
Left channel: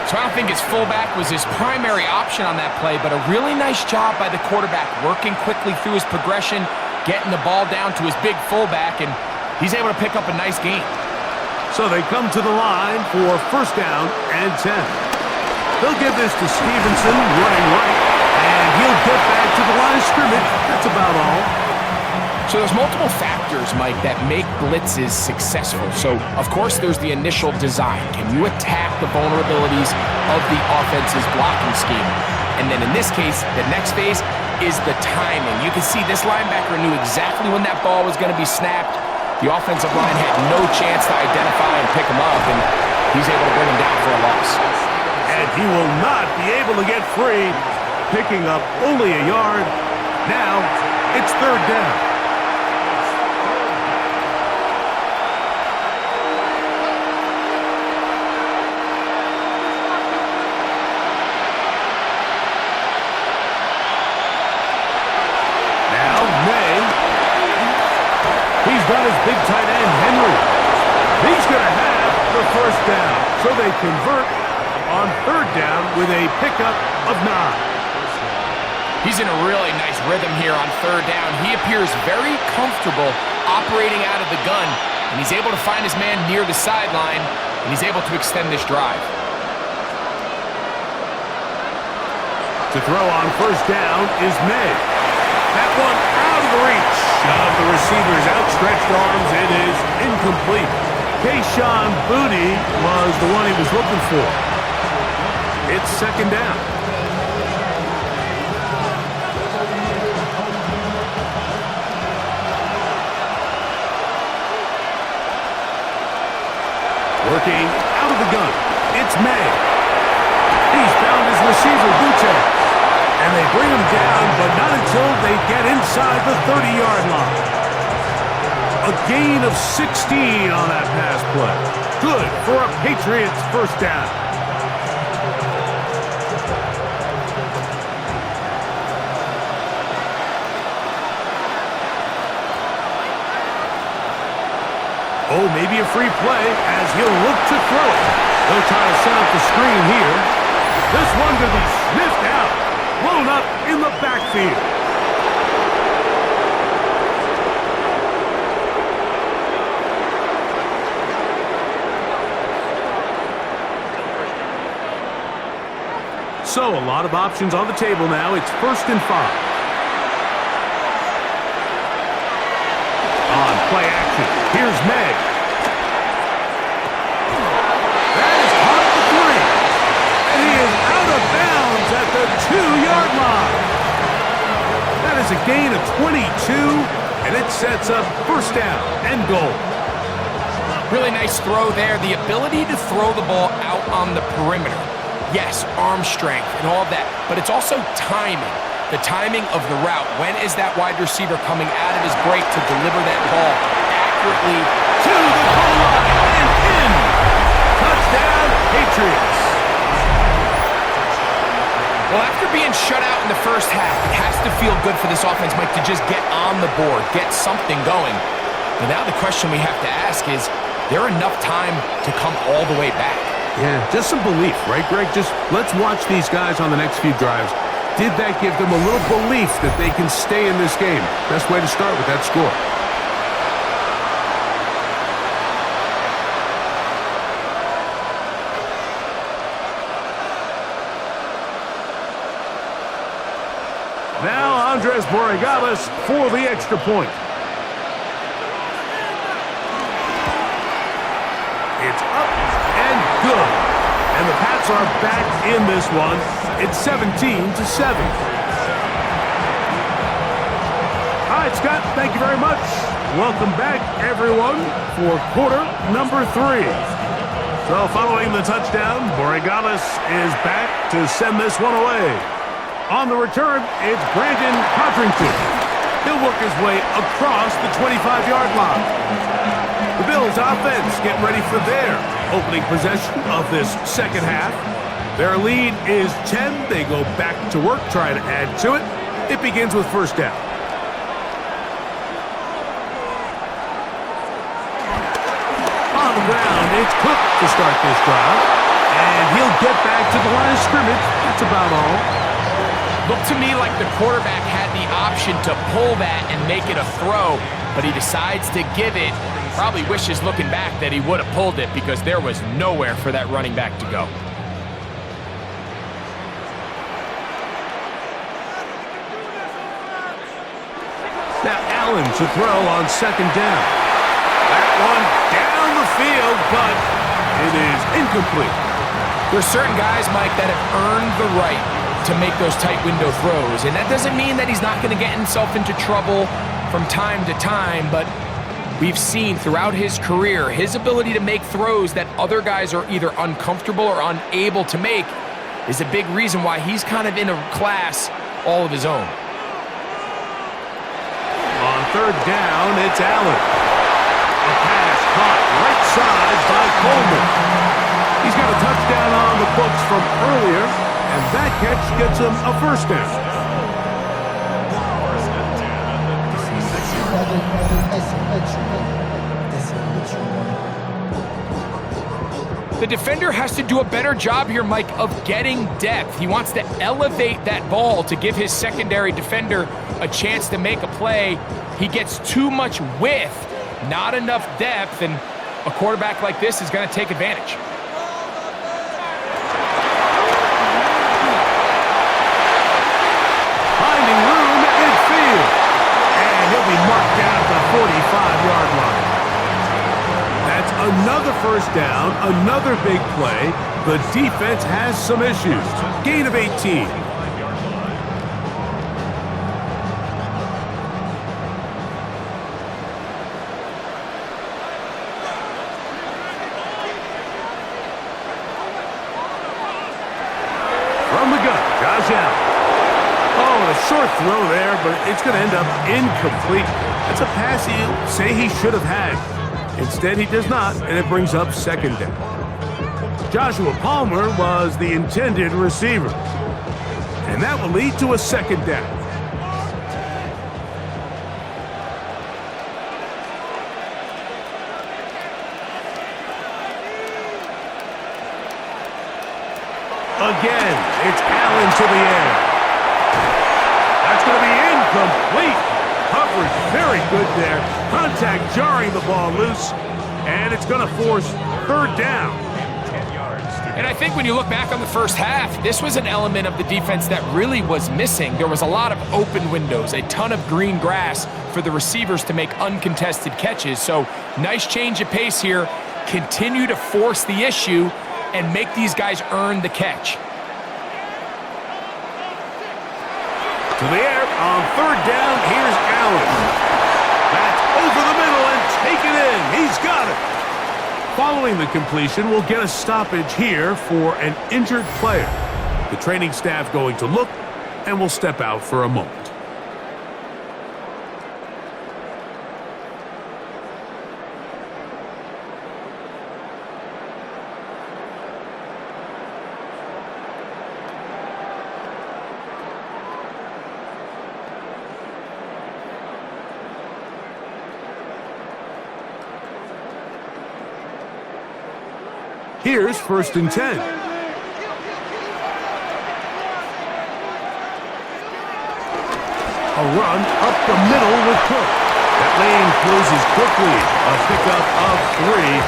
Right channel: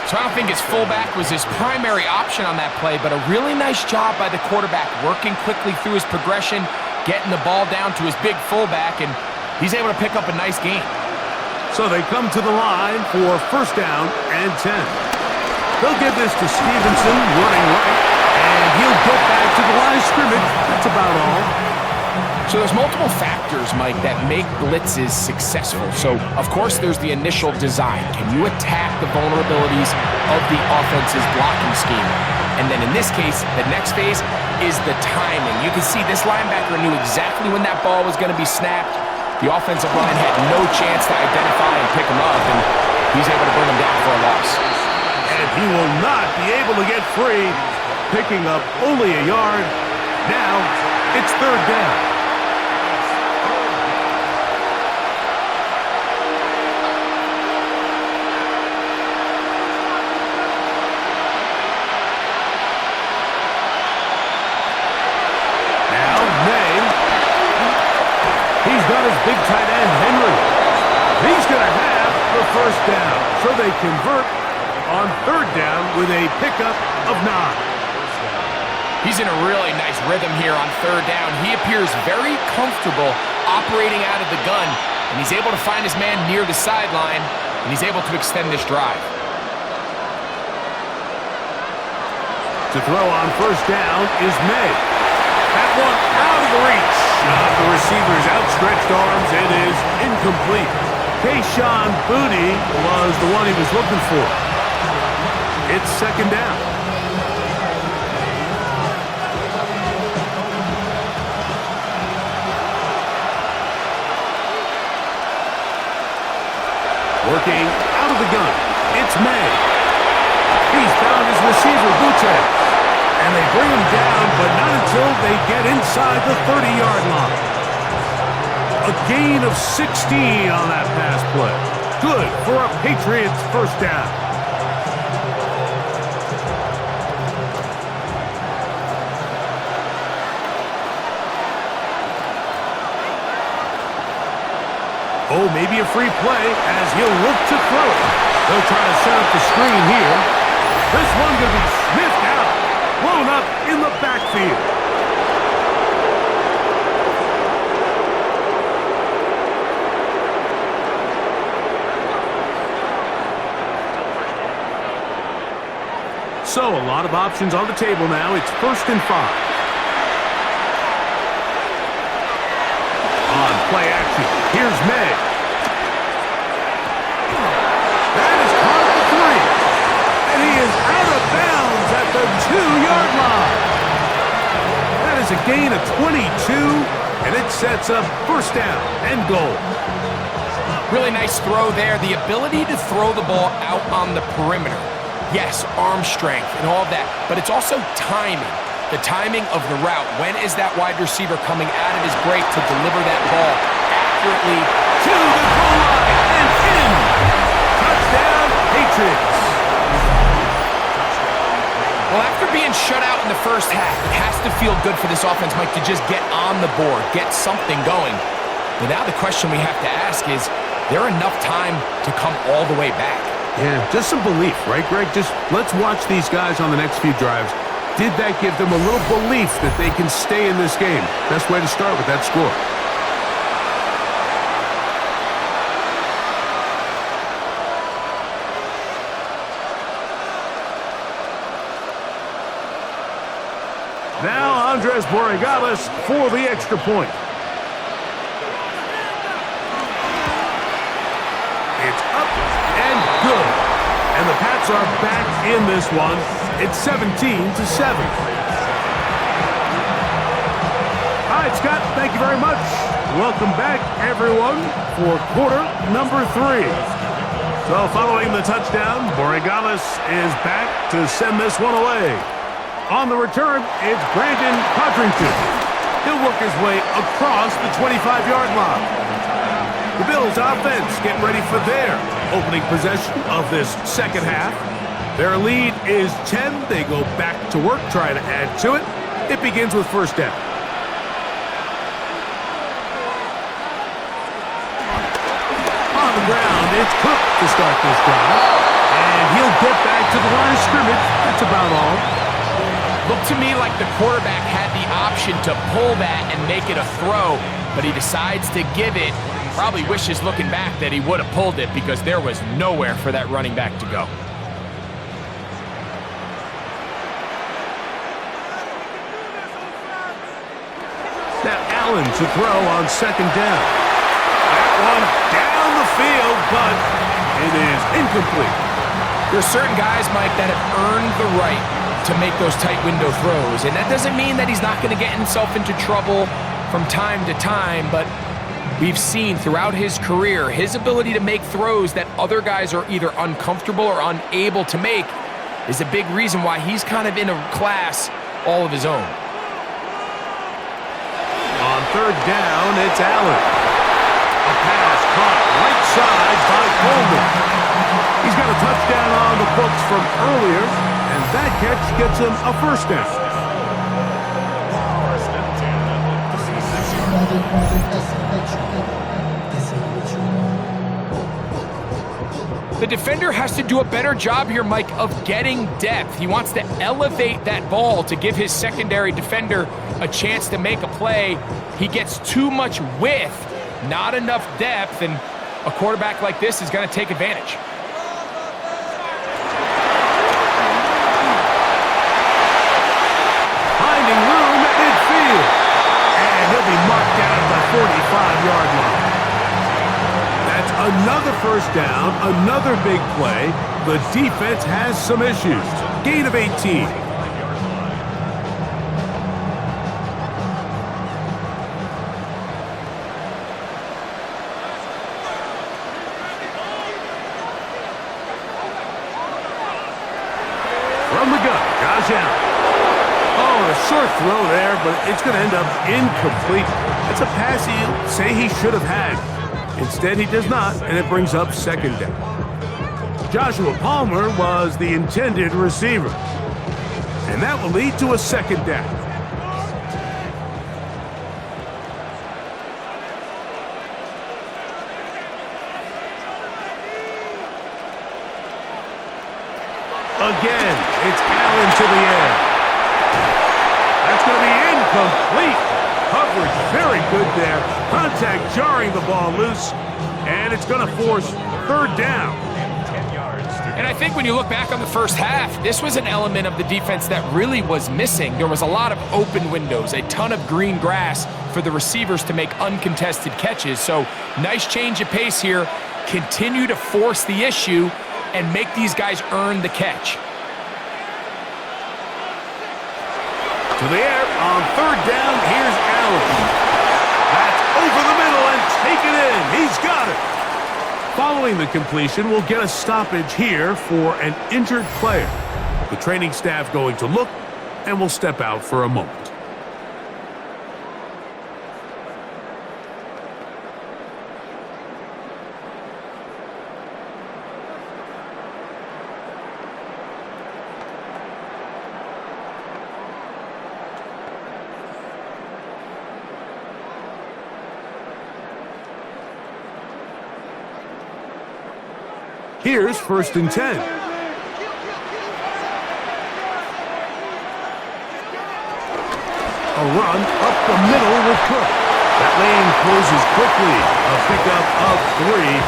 So I don't think his fullback was his primary option on that play, but a really nice job by the quarterback working quickly through his progression, getting the ball down to his big fullback, and he's able to pick up a nice gain. So they come to the line for 1st down and 10. They'll give this to Stevenson running right, and he'll get back to the line of scrimmage. That's about all. So there's multiple factors, Mike, that make blitzes successful. So, of course, there's the initial design. Can you attack the vulnerabilities of the offense's blocking scheme? And then in this case, the next phase is the timing. You can see this linebacker knew exactly when that ball was going to be snapped. The offensive line had no chance to identify and pick him up, and he's able to bring him down for a loss. And he will not be able to get free, picking up only a yard. Now it's 3rd down. got his big tight end, Henry. He's going to have the first down. So they convert on third down with a pickup of 9. He's in a really nice rhythm here on third down. He appears very comfortable operating out of the gun, and he's able to find his man near the sideline, and he's able to extend this drive. To throw on first down is May. That one out of the reach of the receiver's outstretched arms. It is incomplete. Kayshon Boutte was the one he was looking for. It's second down. Working out of the gun, it's May. He's found his receiver, Boutte. And they bring him down, but not until they get inside the 30-yard line. A gain of 16 on that pass play. Good for a Patriots first down. Oh, maybe a free play as he'll look to throw it. They'll try to set up the screen here. This one going to be sniffed out. Blown up in the backfield. So, a lot of options on the table now. It's 1st and 5. On play action, here's May. That is caught at the 3. And he is out of bounds at the 2-yard line. That is a gain of 22, and it sets up first down and goal. Really nice throw there. The ability to throw the ball out on the perimeter. Yes, arm strength and all of that, but it's also timing. The timing of the route. When is that wide receiver coming out of his break to deliver that ball accurately to the goal line and in? Touchdown, Patriots. Well, after being shut out in the first half, it has to feel good for this offense, Mike, to just get on the board, get something going. But now the question we have to ask is there enough time to come all the way back? Yeah, just some belief, right, Greg? Just let's watch these guys on the next few drives. Did that give them a little belief that they can stay in this game? Best way to start with that score. Now Andres Borregales for the extra point. It's up and good. And the Pats are back in this one. It's 17-7. All right, Scott, thank you very much. Welcome back, everyone, for quarter number 3. So following the touchdown, Borregales is back to send this one away. On the return, it's Brandon Codrington. He'll work his way across the 25-yard line. The Bills offense getting ready for their opening possession of this second half. Their lead is 10. They go back to work, trying to add to it. It begins with first down. On the ground, it's Cook to start this drive. And he'll get back to the line of scrimmage. That's about all. Looked to me like the quarterback had the option to pull that and make it a throw, but he decides to give it. Probably wishes looking back that he would have pulled it because there was nowhere for that running back to go. Now Allen to throw on second down. That one down the field, but it is incomplete. There's certain guys, Mike, that have earned the right to make those tight window throws, and that doesn't mean that he's not going to get himself into trouble from time to time, but we've seen throughout his career his ability to make throws that other guys are either uncomfortable or unable to make is a big reason why he's kind of in a class all of his own. On third down, it's Allen. A pass caught right side by Coleman. He's got a touchdown on the books from earlier, and that catch gets him a first down. The defender has to do a better job here, Mike, of getting depth. He wants to elevate that ball to give his secondary defender a chance to make a play. He gets too much width, not enough depth, and a quarterback like this is going to take advantage. Finding room at midfield. And he'll be marked down at the 45-yard line. That's another first down, another big play. The defense has some issues. Gain of 18. From the gun, Josh Allen. Oh, a short throw there, but it's going to end up incomplete. That's a pass he'll say he should have had. Instead, he does not, and it brings up second down. Joshua Palmer was the intended receiver. And that will lead to a second down. Again, it's Allen to the air. That's going to be incomplete. Coverage very good there. Contact jarring the ball loose, and it's going to force third down. And I think when you look back on the first half, this was an element of the defense that really was missing. There was a lot of open windows, a ton of green grass for the receivers to make uncontested catches. So nice change of pace here. Continue to force the issue and make these guys earn the catch. To the air on third down, here's Allen. That's over the middle and taken in. He's got it. Following the completion, we'll get a stoppage here for an injured player. The training staff going to look, and we'll step out for a moment. Here's first and 10. A run up the middle with Cook. That lane closes quickly. A pickup of 3.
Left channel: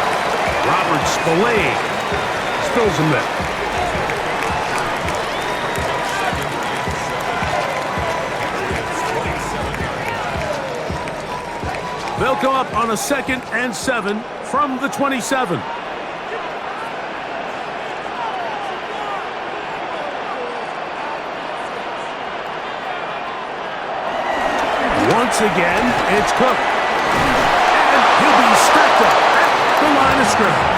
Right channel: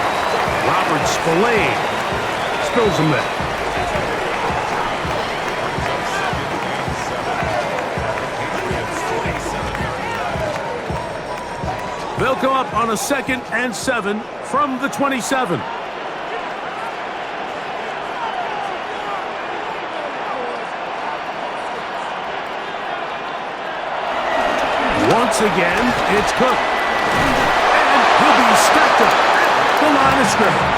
Robert Spillane spills him there. They'll come up on a 2nd and 7 from the 27. Once again, it's Cook. And he'll be stacked up at the line of scrimmage.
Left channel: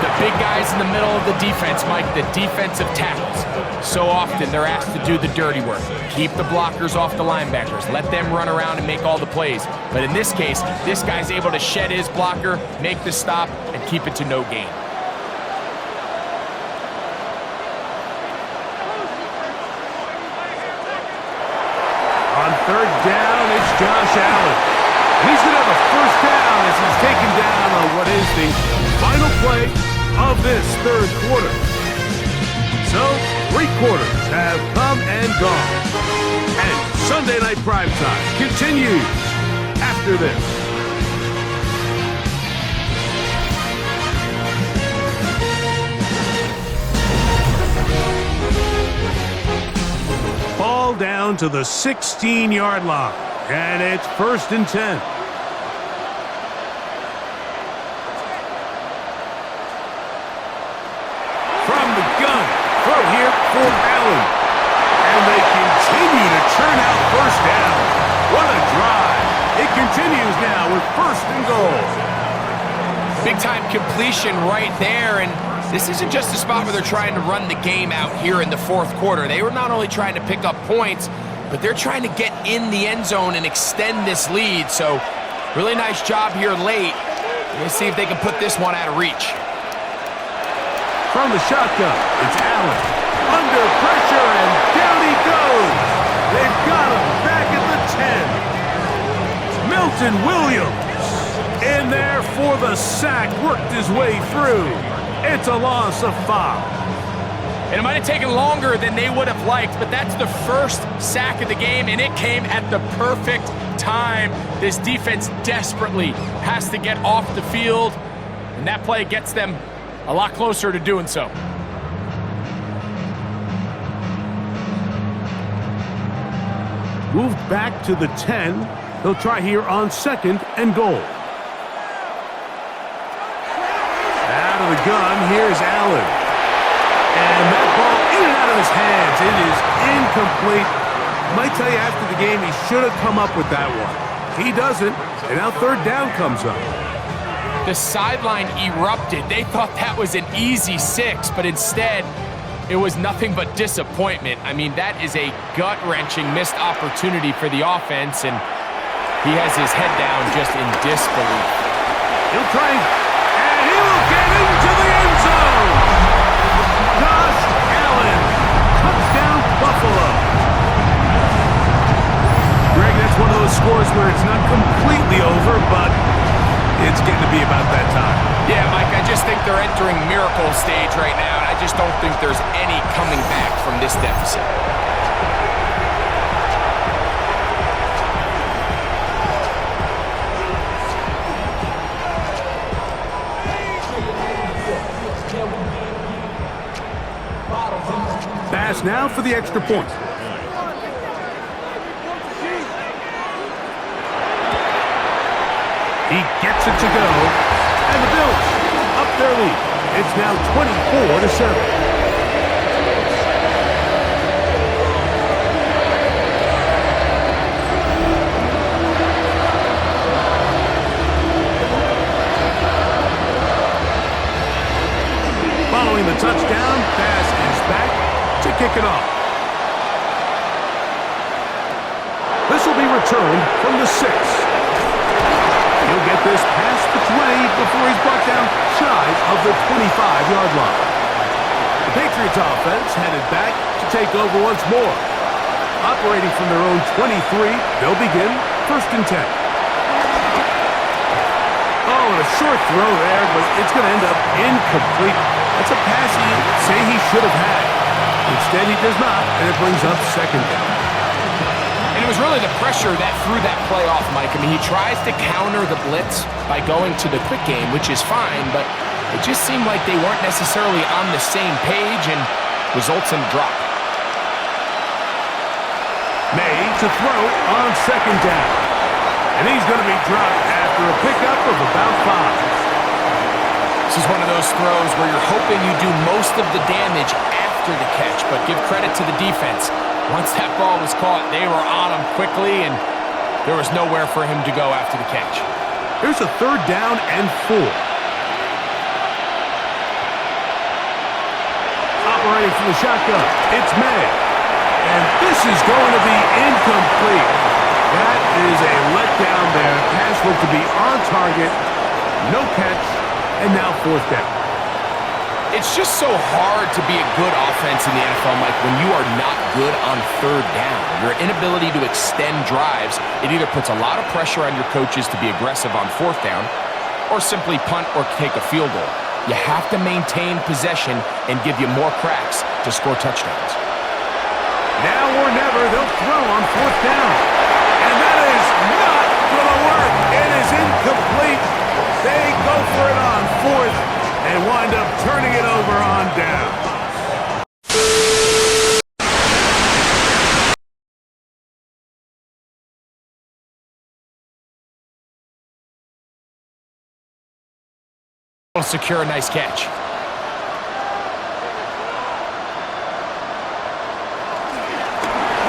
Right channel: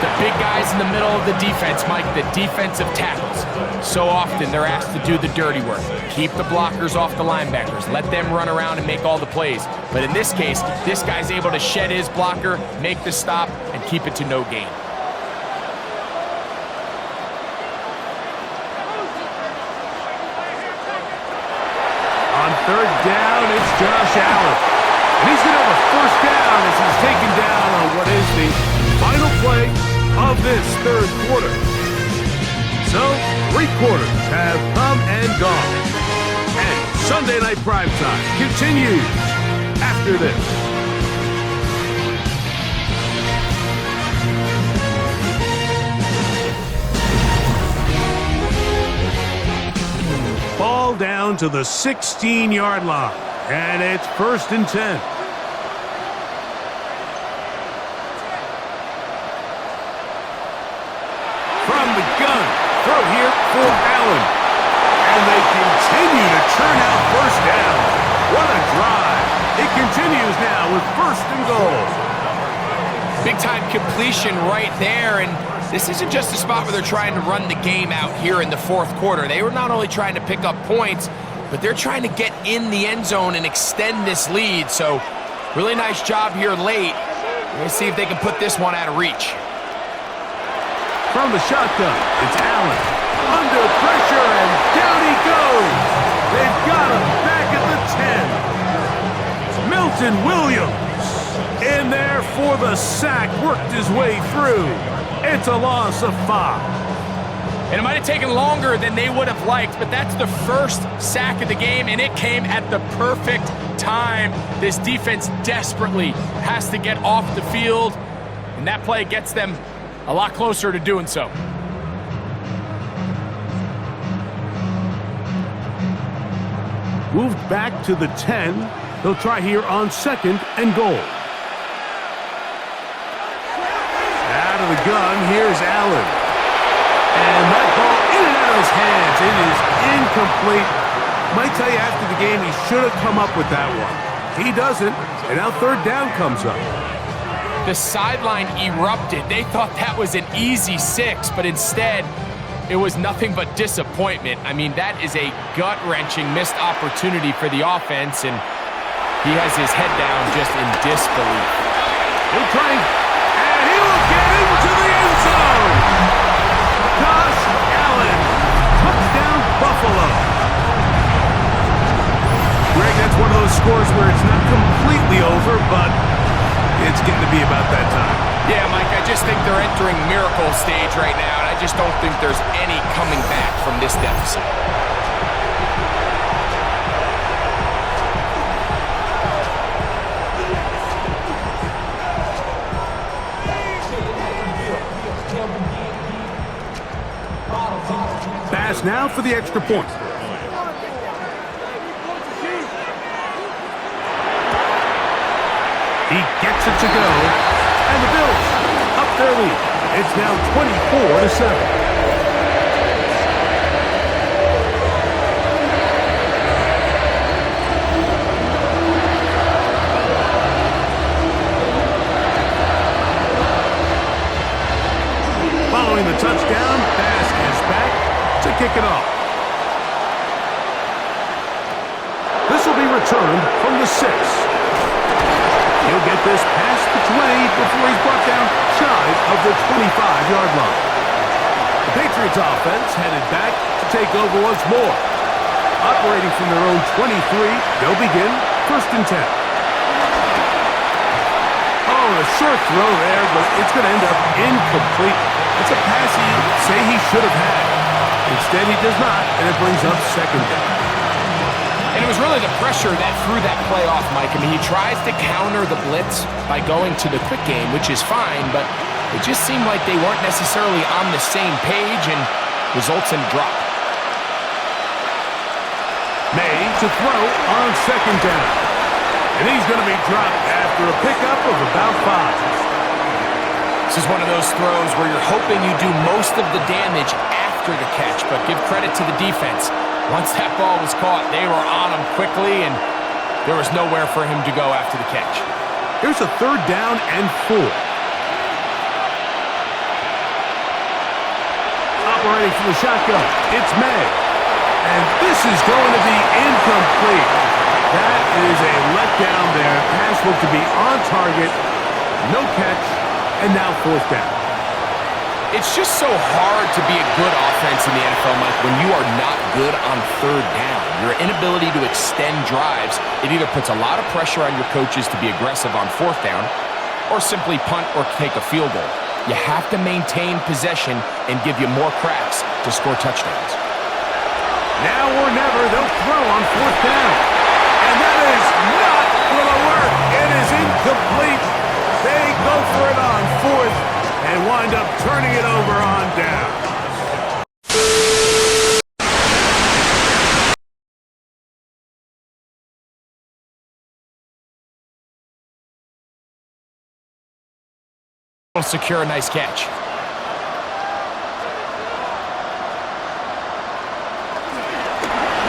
The big guys in the middle of the defense, Mike, the defensive tackles. So often they're asked to do the dirty work. Keep the blockers off the linebackers. Let them run around and make all the plays. But in this case, this guy's able to shed his blocker, make the stop, and keep it to no gain. On third down, it's Josh Allen. And he's going to have a first down as he's taken down on what is the final play of this third quarter. So, 3 quarters have come and gone. And Sunday Night Primetime continues after this. Ball down to the 16-yard line, and it's first and 10. From the gun, throw here for Allen. And they continue to churn out first down. What a drive. It continues now with first and goal. Big-time completion right there, and this isn't just a spot where they're trying to run the game out here in the fourth quarter. They were not only trying to pick up points, but they're trying to get in the end zone and extend this lead. So, really nice job here late. We're going to see if they can put this one out of reach. From the shotgun, it's Allen. Under pressure, and down he goes. They've got him back at the 10. Milton Williams in there for the sack, worked his way through. It's a loss of 5. And it might have taken longer than they would have liked, but that's the first sack of the game, and it came at the perfect time. This defense desperately has to get off the field, and that play gets them a lot closer to doing so. Moved back to the 10. They'll try here on 2nd and goal. Out of the gun, here's Allen. And that ball in and out of his hands. It is incomplete. Might tell you after the game he should have come up with that one. He doesn't, and now 3rd down comes up. The sideline erupted. They thought that was an easy 6, but instead it was nothing but disappointment. I mean, that is a gut-wrenching missed opportunity for the offense, and he has his head down just in disbelief. He'll try, and he will get into the end zone. Josh Allen, touchdown Buffalo. Greg, that's one of those scores where it's not completely over, but it's getting to be about that time. Yeah, Mike, I just think they're entering miracle stage right now, and I just don't think there's any coming back from this deficit. Pass now for the extra point. He gets it to go, and the Bills up their lead. It's now 24-7. Following the touchdown, pass is back to kick it off. This will be returned from the 6. He'll get this past the 20 before he's brought down shy of the 25-yard line. The Patriots offense headed back to take over once more. Operating from their own 23, they'll begin 1st and 10. Oh, and a short throw there, but it's going to end up incomplete. That's a pass you say he should have had. Instead, he does not, and it brings up 2nd down. And it was really the pressure that threw that play off, Mike. I mean, he tries to counter the blitz by going to the quick game, which is fine, but it just seemed like they weren't necessarily on the same page and results in a drop. May to throw on 2nd down. And he's going to be dropped after a pickup of about 5. This is one of those throws where you're hoping you do most of the damage after the catch, but give credit to the defense. Once that ball was caught, they were on him quickly, and there was nowhere for him to go after the catch. Here's a 3rd down and 4. Operating from the shotgun, it's May. And this is going to be incomplete. That is a letdown there. Pass looked to be on target. No catch, and now 4th down. It's just so hard to be a good offense in the NFL, Mike, when you are not good on 3rd down. Your inability to extend drives, it either puts a lot of pressure on your coaches to be aggressive on 4th down or simply punt or take a field goal. You have to maintain possession and give you more cracks to score touchdowns. Now or never, they'll throw on 4th down. And that is not going to work. It is incomplete. They go for it on 4th. And wind up turning it over on down. Will secure a nice catch.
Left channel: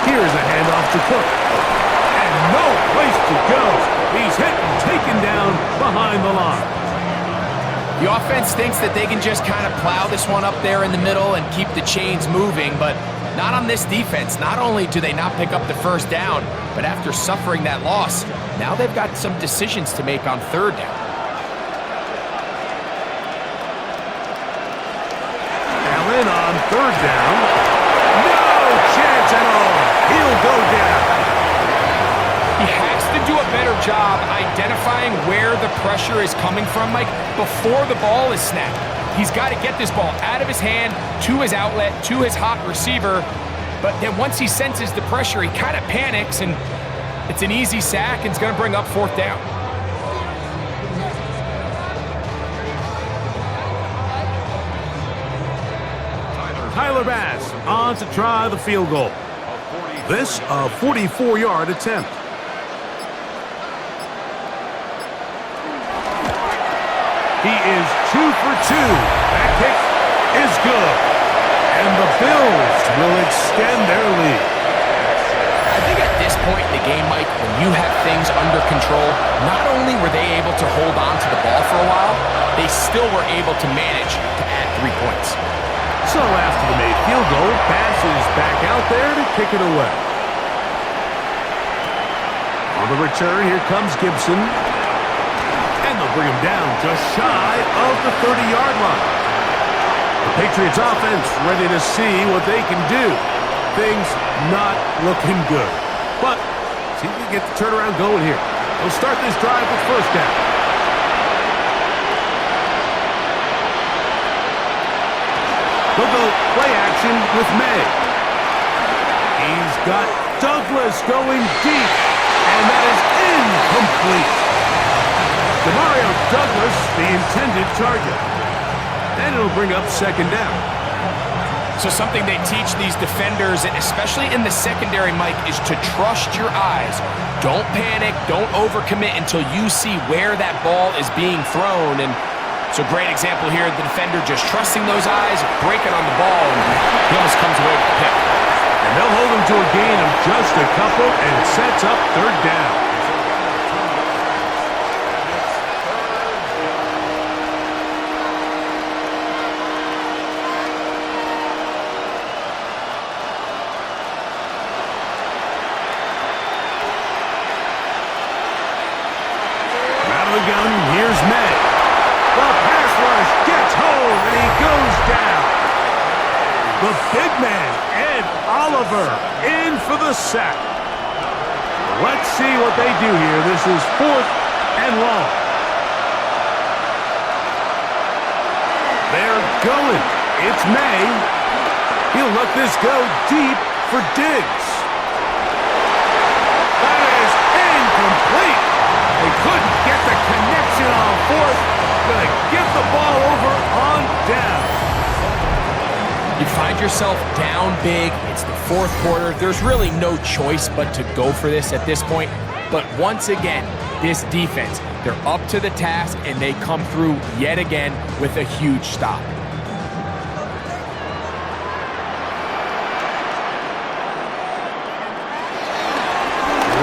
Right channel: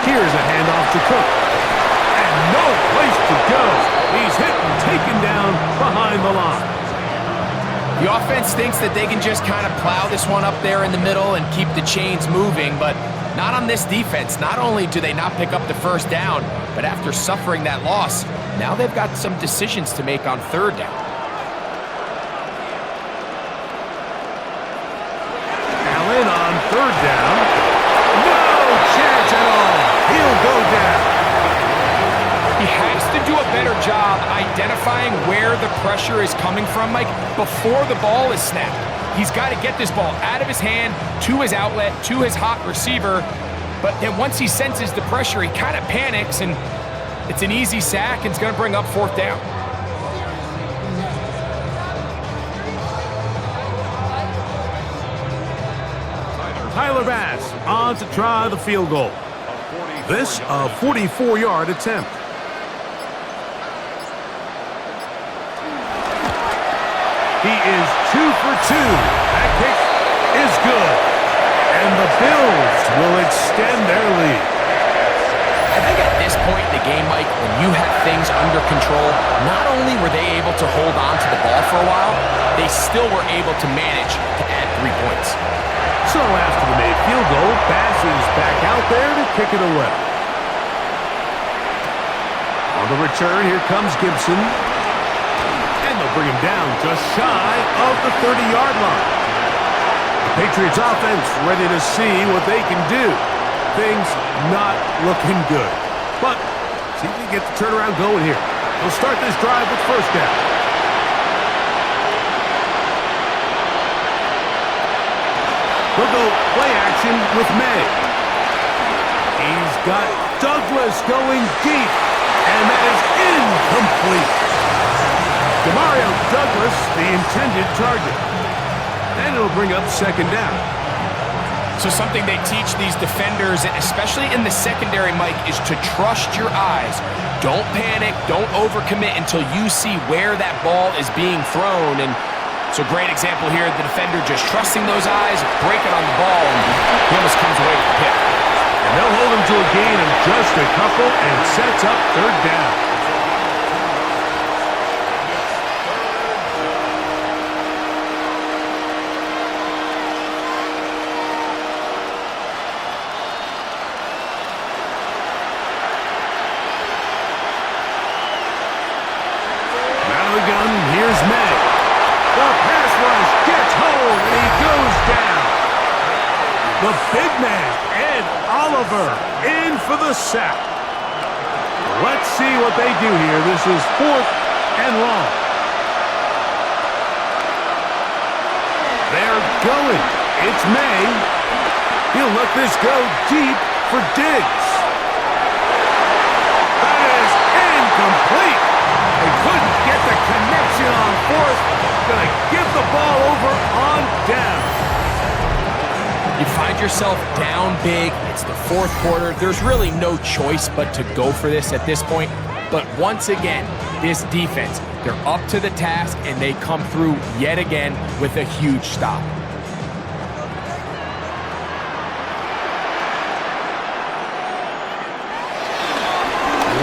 Here's a handoff to Cook. And no place to go. He's hit and taken down behind the line. The offense thinks that they can just kind of plow this one up there in the middle and keep the chains moving, but not on this defense. Not only do they not pick up the 1st down, but after suffering that loss, now they've got some decisions to make on 3rd down. Allen on 3rd down. No chance at all. He'll go down. He has to do a better job identifying where the pressure is coming from, Mike, before the ball is snapped. He's got to get this ball out of his hand, to his outlet, to his hot receiver. But then once he senses the pressure, he kind of panics, and it's an easy sack, and it's going to bring up 4th down. Tyler Bass on to try the field goal. This a 44-yard attempt. He is 2 for 2. That kick is good. And the Bills will extend their lead. I think at this point in the game, Mike, when you have things under control, not only were they able to hold on to the ball for a while, they still were able to manage to add 3 points. So after the made field goal, Bass is back out there to kick it away. On the return, here comes Gibson. And they'll bring him down just shy of the 30-yard line. The Patriots offense ready to see what they can do. Things not looking good. But see if we can get the turnaround going here. They'll start this drive with 1st down. They'll go play action with May. He's got Douglas going deep, and that is incomplete. Demario Douglas, the intended target. And it'll bring up 2nd down. So something they teach these defenders, especially in the secondary, Mike, is to trust your eyes. Don't panic, don't overcommit until you see where that ball is being thrown. And it's a great example here, the defender just trusting those eyes, breaking on the ball, and he almost comes away with the pick. And they'll hold him to a gain of just a couple, and it sets up 3rd down. Out of the gun, here's May. The pass rush gets home, and he goes down. The big man, Ed Oliver, in for the sack. Let's see what they do here. This is 4th and long. They're going. It's May. He'll let this go deep for Diggs. That is incomplete. They couldn't get the connection on 4th. Gonna give the ball over on down. You find yourself down big. It's the 4th quarter. There's really no choice but to go for this at this point. But once again, this defense, they're up to the task, and they come through yet again with a huge stop.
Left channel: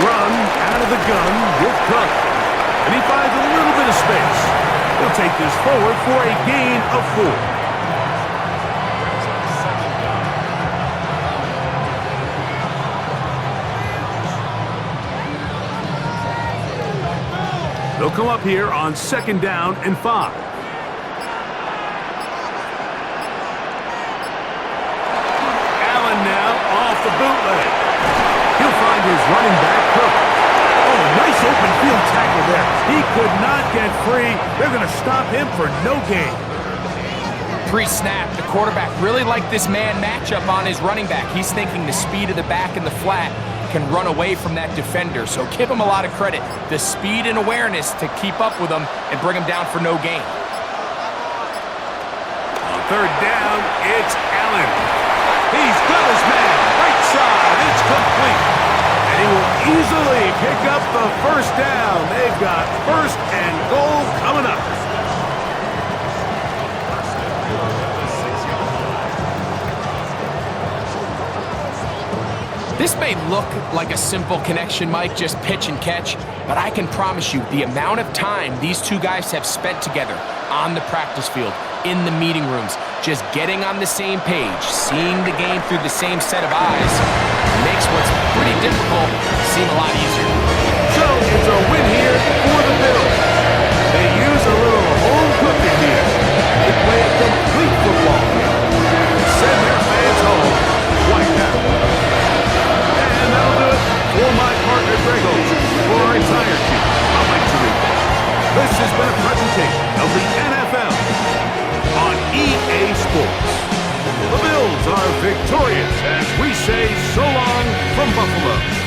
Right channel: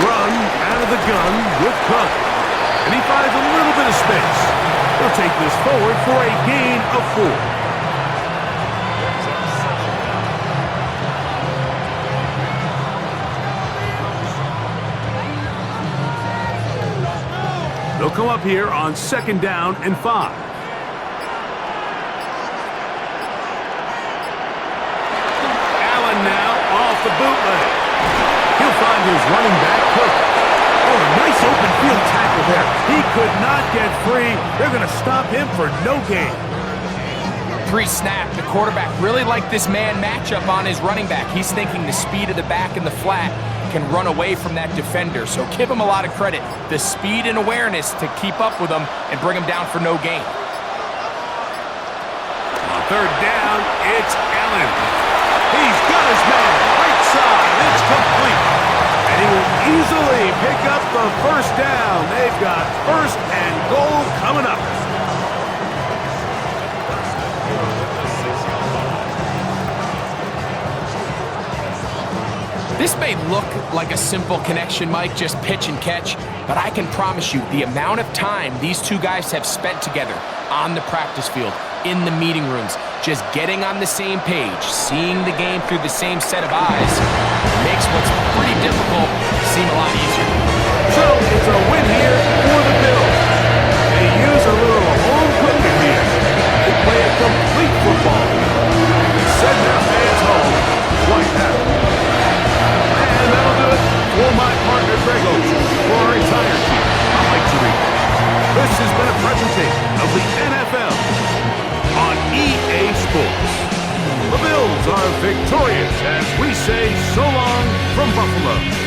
Run out of the gun with Cook. And he finds a little bit of space. He'll take this forward for a gain of 4. They'll come up here on 2nd down and 5. Allen now off the bootleg. He'll find his running back, Cook. Oh, a nice open field tackle there. He could not get free. They're going to stop him for no gain. Pre-snap, the quarterback really liked this man matchup on his running back. He's thinking the speed of the back in the flat can run away from that defender. So give him a lot of credit. The speed and awareness to keep up with him and bring him down for no gain. On 3rd down, it's Allen. He's got his man. Right side. It's complete. And he will easily pick up the 1st down. They've got 1st and goal coming up. This may look like a simple connection, Mike, just pitch and catch, but I can promise you the amount of time these two guys have spent together on the practice field, in the meeting rooms, just getting on the same page, seeing the game through the same set of eyes, makes what's pretty difficult seem a lot easier. So it's a win here for the Bills. They use a little home cooking here. They play a complete football game. They send their fans home quite happy. And that'll do it for my partner, Greg Oates, for our presentation of the NFL on EA Sports. The Bills are victorious as we say so long from Buffalo.